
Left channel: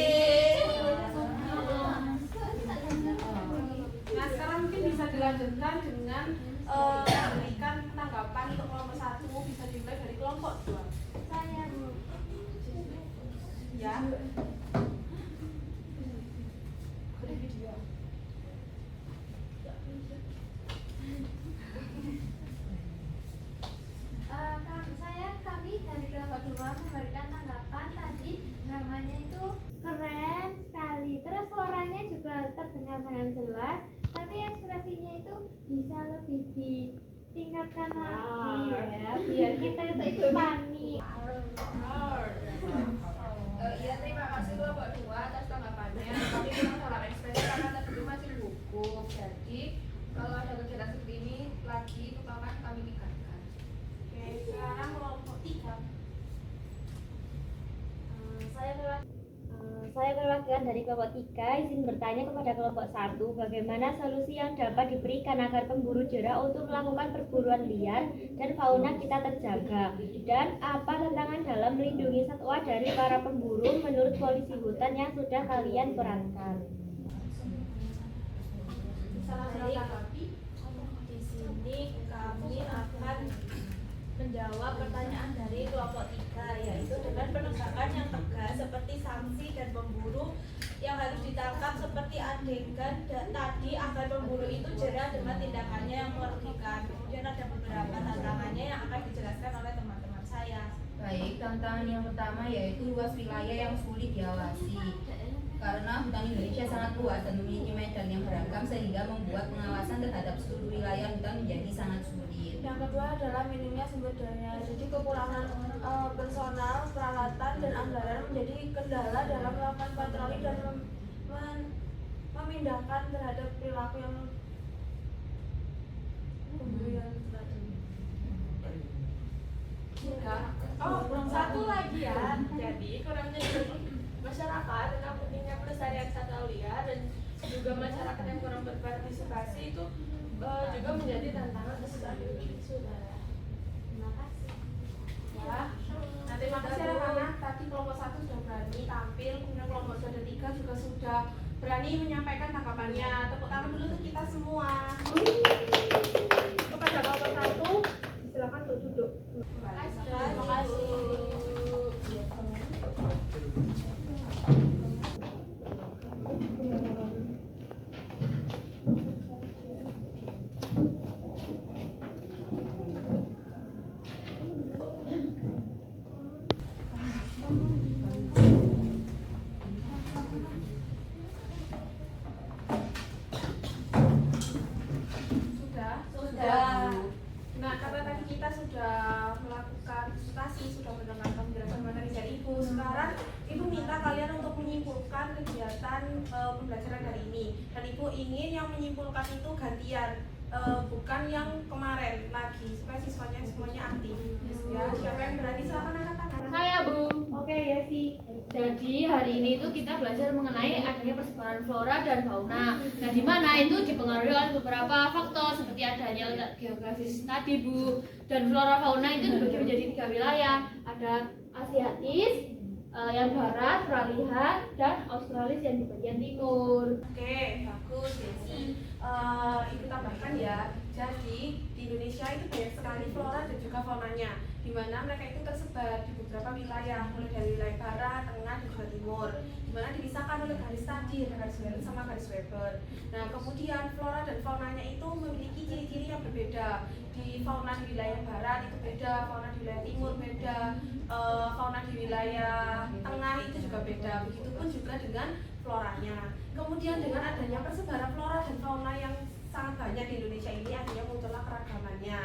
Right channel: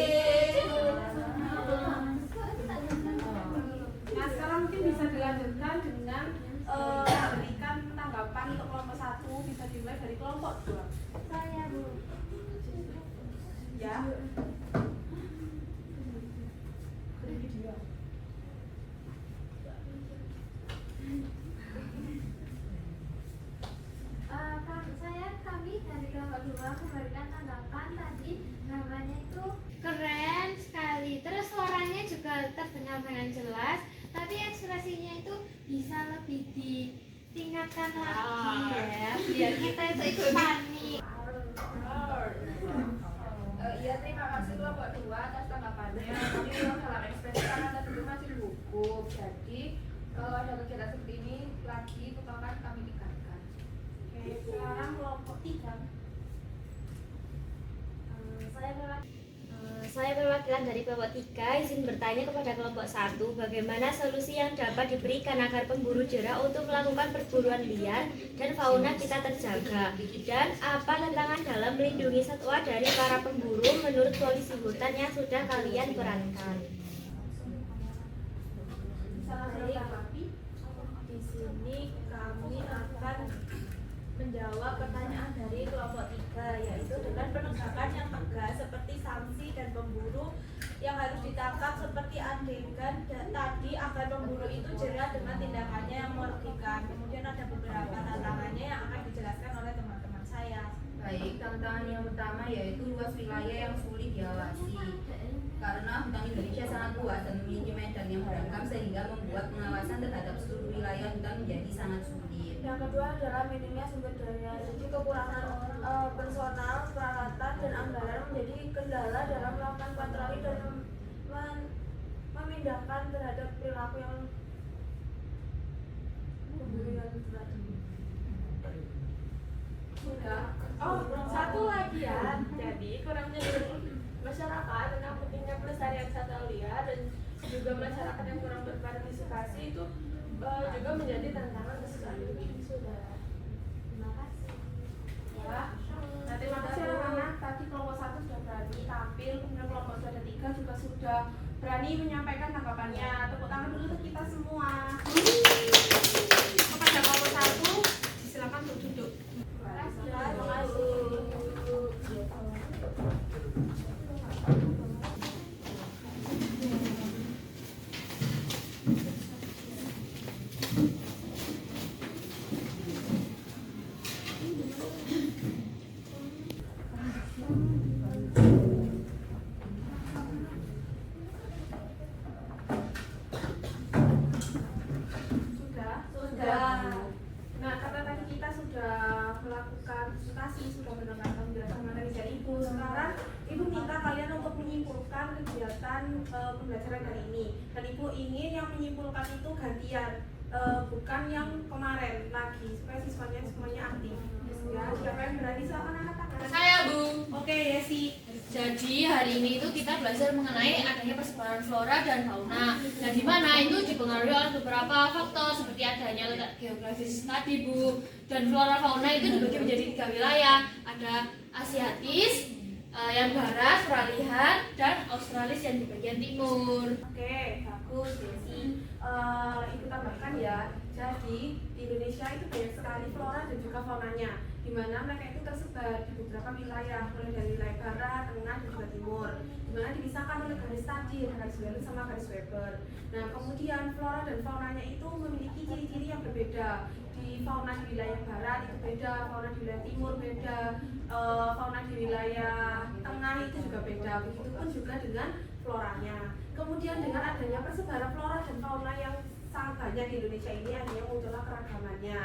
Nah sekarang mungkin bisa dilanjutkan dengan memberikan tanggapan untuk kelompok satu, bisa dimulai dari kelompok dua. Saya, Bu. Ya. Kami dari kelompok 2 memberikan tanggapan tadi. Namanya itu keren sekali. Terus suaranya juga terdengar dengan jelas. Tapi ekspresinya itu bisa lebih ditingkatkan lagi ya, biar kita itu ikut panik. Iya, terima kasih kelompok 2 atas tanggapannya. Tapi memang dalam ekspresi karena tadi itu masih gugup. Jadi kalau ada kegiatan seperti ini lagi, maka kami tingkatkan. Oke, sekarang kelompok 3. Saya perwakilan dari kelompok 3 izin bertanya kepada kelompok 1 bagaimana solusi yang dapat diberikan agar pemburu jerak untuk melakukan perburuan liar dan fauna kita terjaga, dan apa tantangan dalam melindungi satwa dari para pemburu menurut polisi hutan yang sudah kalian perankan. Di sini kami akan menjawab pertanyaan dari kelompok 3, yaitu dengan penegakan yang tegas seperti sanksi dan pemburu yang harus ditangkap seperti adegan tadi agar pemburu itu jera dengan tindakannya yang merugikan. Kemudian ada beberapa tantangannya yang akan dijelaskan oleh teman-teman saya. Baik, tantangan yang pertama yaitu luas wilayah yang sulit diawasi. Karena hutan Indonesia sangat luas dan memiliki medan yang beragam sehingga membuat pengawasan terhadap seluruh wilayah hutan menjadi sangat sulit. Yang kedua adalah minimnya sumber daya. Jadi kekurangan personal, peralatan, dan anggaran menjadi kendala dalam melakukan patroli dan memindahkan terhadap perilaku yang pemburu yang tadi. Sudah. Oh, satu lagi. bagian. Jadi kurang menyadari masyarakat tentang pentingnya pelestarian satwa liar dan juga masyarakat yang kurang berpartisipasi itu juga menjadi tantangan tersendiri. Saudara. Terima kasih. Ya. Nah, terima kasih anak-anak. Tadi kelompok 1 sudah berani tampil, kemudian kelompok 2 dan 3 juga sudah berani menyampaikan tanggapannya. Tepuk tangan dulu untuk kita semua. Kepada kelompok 1, silakan untuk duduk. Terima kasih. Sudah. Nah, karena tadi kita sudah melakukan diskusi, sudah mendengarkan penjelasan materi dari Ibu. Sekarang Ibu minta kalian untuk menyimpulkan kegiatan pembelajaran hari ini. Dan Ibu ingin yang menyimpulkan itu gantian, bukan yang kemarin lagi, supaya siswanya semuanya aktif. Ya, siapa yang berani silakan angkat tangan. Saya, Bu. Oke, Yesi. Jadi hari ini itu kita belajar mengenai adanya persebaran flora dan fauna. Nah, di mana itu dipengaruhi oleh beberapa faktor seperti adanya letak geografis tadi, Bu. Dan flora fauna itu dibagi menjadi 3 wilayah. Ada Asiatis, yang barat, peralihan, dan Australis yang di bagian timur. Oke, bagus, Yesi. Ibu tambahkan ya. Jadi di Indonesia itu banyak sekali flora dan juga faunanya, di mana mereka itu tersebar di beberapa wilayah, mulai dari wilayah barat, tengah, dan juga timur, di mana dipisahkan oleh garis tadi, garis Weber sama garis Weber. Nah, kemudian flora dan faunanya itu memiliki ciri-ciri yang berbeda. Di fauna di wilayah barat itu beda, fauna di wilayah timur beda, fauna di wilayah tengah itu juga beda. Begitupun juga dengan floranya. Kemudian dengan adanya persebaran flora dan fauna yang sangat banyak di Indonesia ini, adanya muncullah keragamannya.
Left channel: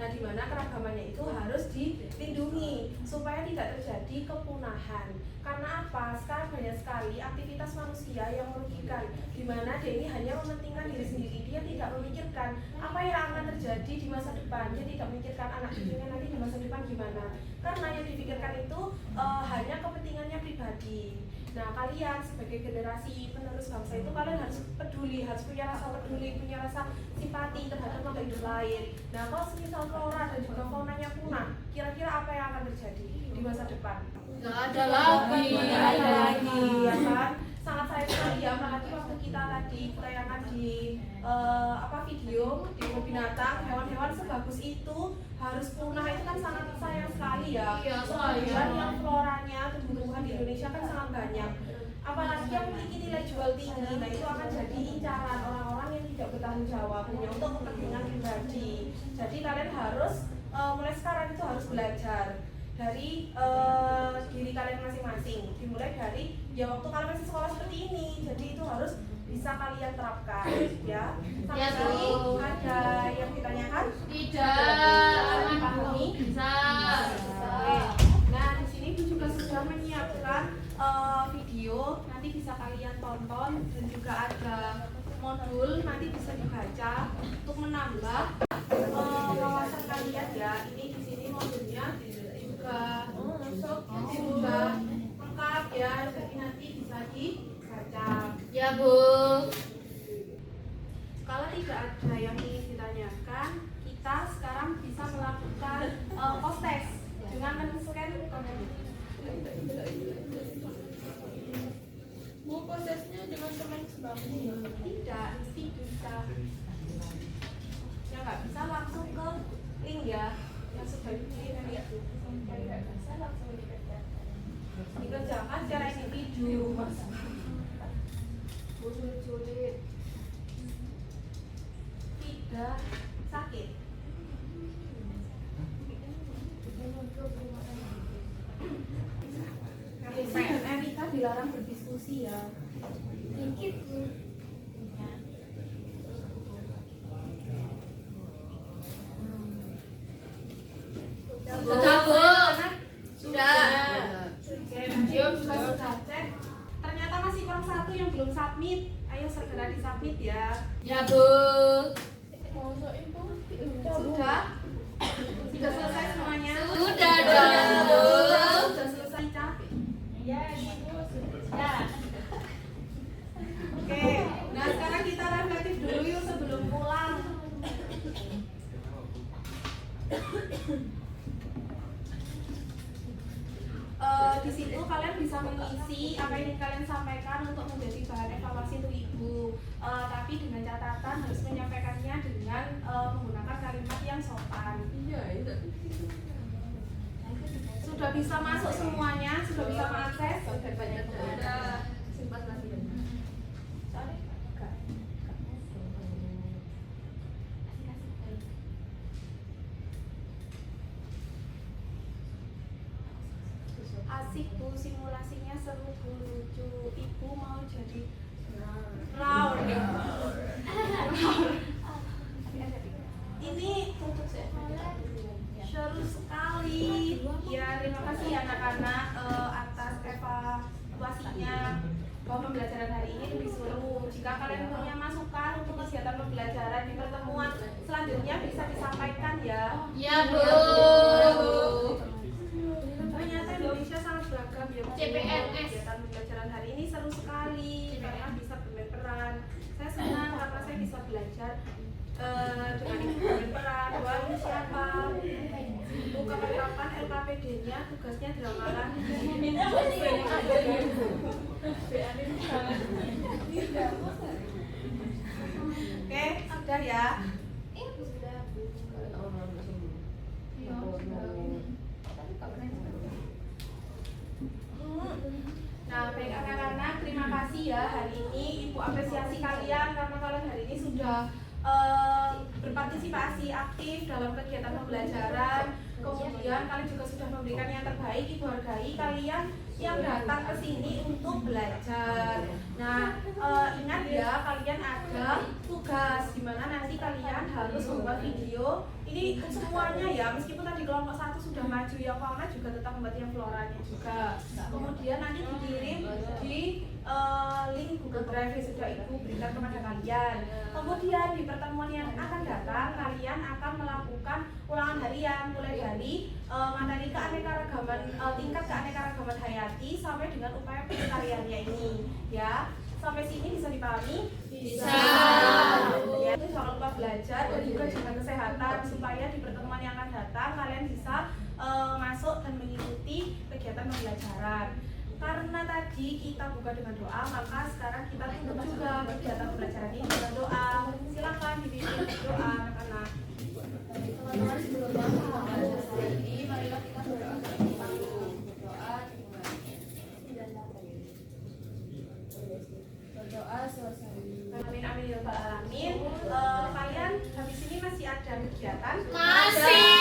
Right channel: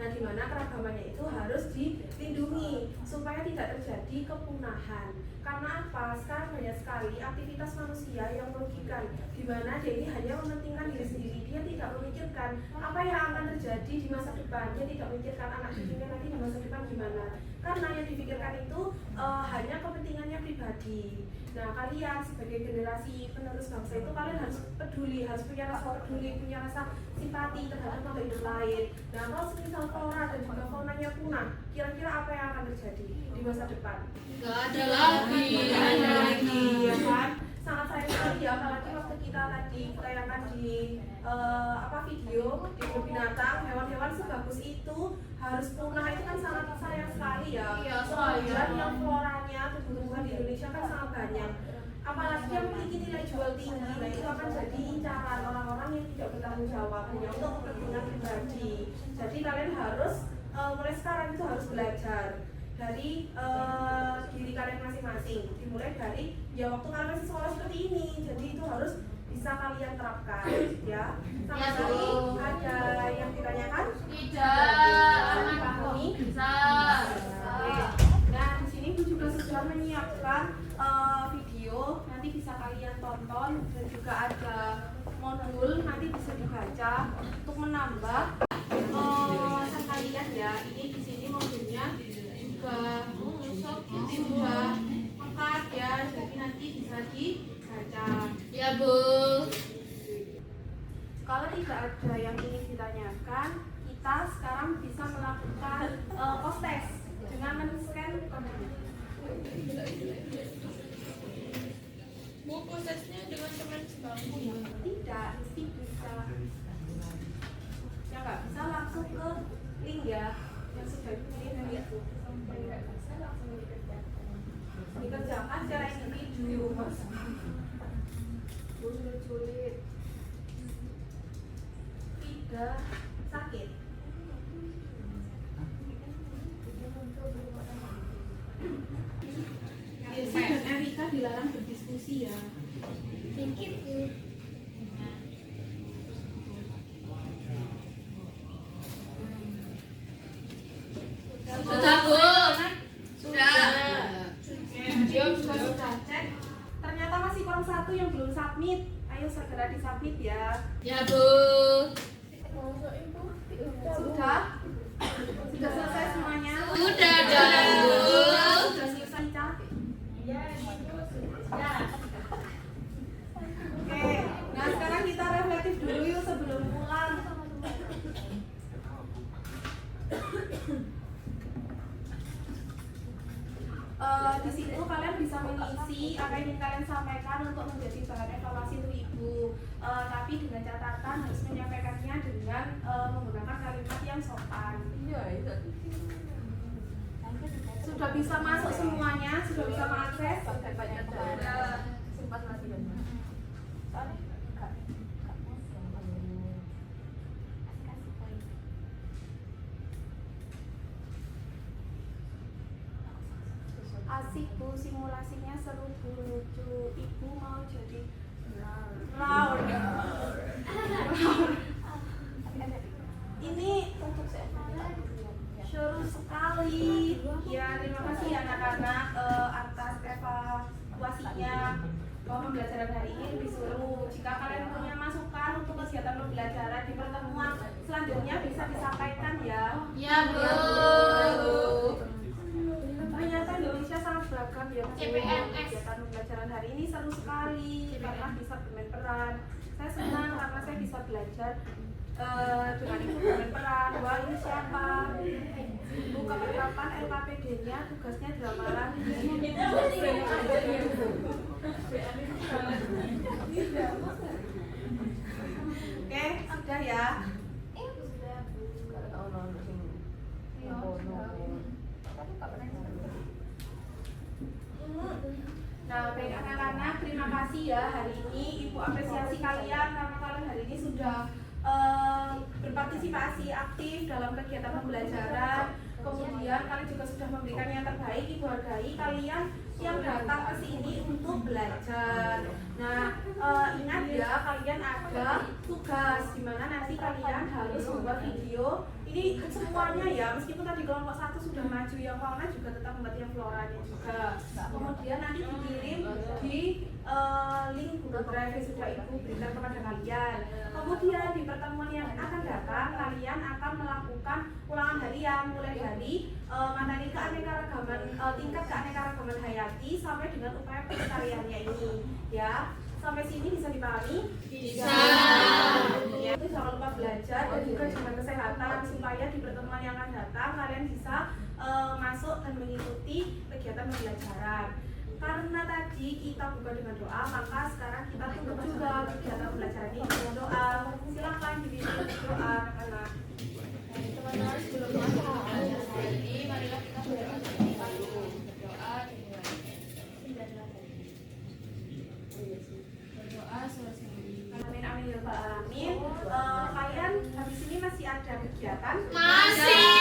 Nah, di mana keragamannya itu harus dilindungi supaya tidak terjadi kepunahan. Karena apa? Sekarang banyak sekali aktivitas manusia yang merugikan, di mana dia ini hanya mementingkan diri sendiri. Dia tidak memikirkan apa yang akan terjadi di masa depan. Dia tidak memikirkan anak cucunya nanti di masa depan gimana. Karena yang dipikirkan itu hanya kepentingannya pribadi. Nah, kalian sebagai generasi penerus bangsa itu kalian harus peduli, harus punya rasa peduli, punya rasa simpati terhadap makhluk hidup lain. Nah, kalau semisal flora dan juga faunanya punah, kira-kira apa yang akan terjadi di masa depan? Gak ada lagi. Tidak ada lagi, ya kan? Sangat sayang sekali ya, apalagi waktu kita tadi tayangan di video di kebun binatang, hewan-hewan sebagus itu harus punah, itu kan sangat sayang sekali ya. Iya, Dan yang floranya tumbuh-tumbuhan di Indonesia kan sangat banyak, apalagi yang memiliki nilai jual tinggi. Nah, itu akan jadi incaran orang-orang yang tidak bertanggung jawab hanya untuk kepentingan pribadi. Jadi kalian harus mulai sekarang itu harus belajar dari diri kalian masing-masing, dimulai dari ya waktu kalian masih sekolah seperti ini. Jadi itu harus bisa kalian terapkan ya. Sampai Ya, tadi Bu. ada yang ditanyakan? Tidak. Dipahami? Bisa. Oke. Nah, di sini Bu juga sudah menyiapkan video, nanti bisa kalian tonton, dan juga ada modul nanti bisa dibaca untuk menambah wawasan kalian ya. Ini di sini modulnya juga sudah lengkap ya, jadi nanti bisa dibaca. Ya, Bu. Kalau tidak ada yang ingin ditanyakan, kita sekarang bisa melakukan post test dengan men-scan kode. Bu, prosesnya dengan teman sebangku ya? Tidak, nanti bisa. Yang nggak bisa langsung ke link ya, yang sudah dipilih itu. Yang tidak bisa langsung dikerjakan. Dikerjakan secara individu, Mas. Sulit-sulit. Tidak sakit. Desi dan Erika dilarang berdiskusi ya. Sedikit, Bu. Sudah, Bu. Sudah. Dia juga sudah cek. Ternyata masih kurang satu yang belum submit. Ayo segera disubmit ya. Ya, Bu. Sudah? Sudah selesai semuanya? Sudah dong, Bu. Sudah selesai Di situ kalian bisa mengisi apa yang ingin kalian sampaikan untuk menjadi bahan evaluasi untuk ibu. Tapi dengan catatan harus menyampaikannya dengan menggunakan kalimat yang sopan. Sudah bisa masuk semuanya? Sudah bisa mengakses? Sudah. Asik bu, simulasinya seru bu, lucu. Ibu mau jadi Raul. Ini seru sekali. Ya, terima kasih anak-anak atas evaluasinya bahwa pembelajaran hari ini lebih seru. Jika kalian punya masukan untuk kegiatan pembelajaran di pertemuan selanjutnya bisa disampaikan ya. Ya Bu. Ternyata Indonesia sangat beragam ya Bu. CPNS. Kegiatan pembelajaran hari ini seru sekali karena bisa bermain peran. Saya senang karena saya bisa belajar dengan ibu bermain peran. Wah, ini siapa? Bu, kapan-kapan LKPD-nya tugasnya di Lamaran. Oke, sudah ya. Nah, baik anak-anak, terima kasih ya hari ini Ibu apresiasi kalian karena kalian hari ini sudah berpartisipasi aktif dalam kegiatan pembelajaran. Kemudian kalian juga sudah memberikan yang terbaik. Ibu hargai kalian yang datang ke sini untuk belajar. Nah, ingat ya, kalian ada tugas di mana nanti kalian harus membuat video. Ini semuanya ya, meskipun tadi kelompok 1 sudah maju, yang fauna juga tetap membuat yang floranya juga. Kemudian nanti dikirim di link Google Drive yang sudah Ibu berikan kepada kalian. Kemudian di pertemuan yang akan datang, kalian akan melakukan ulangan harian mulai dari materi keanekaragaman, tingkat keanekaragaman hayati sampai dengan upaya pelestariannya ini. Ya, sampai sini bisa dipahami? Bisa. Ya, itu jangan lupa belajar dan juga jaga kesehatan supaya di pertemuan yang akan datang kalian bisa masuk dan mengikuti kegiatan pembelajaran. Karena tadi kita buka dengan doa, maka sekarang kita tutup juga kegiatan pembelajaran ini dengan doa. Silakan dipimpin doa anak-anak. Jadi marilah kita berdoa dulu. Berdoa berdoa selesai. Amin amin ya rabbal alamin. Kalian habis ini masih ada kegiatan? Masih.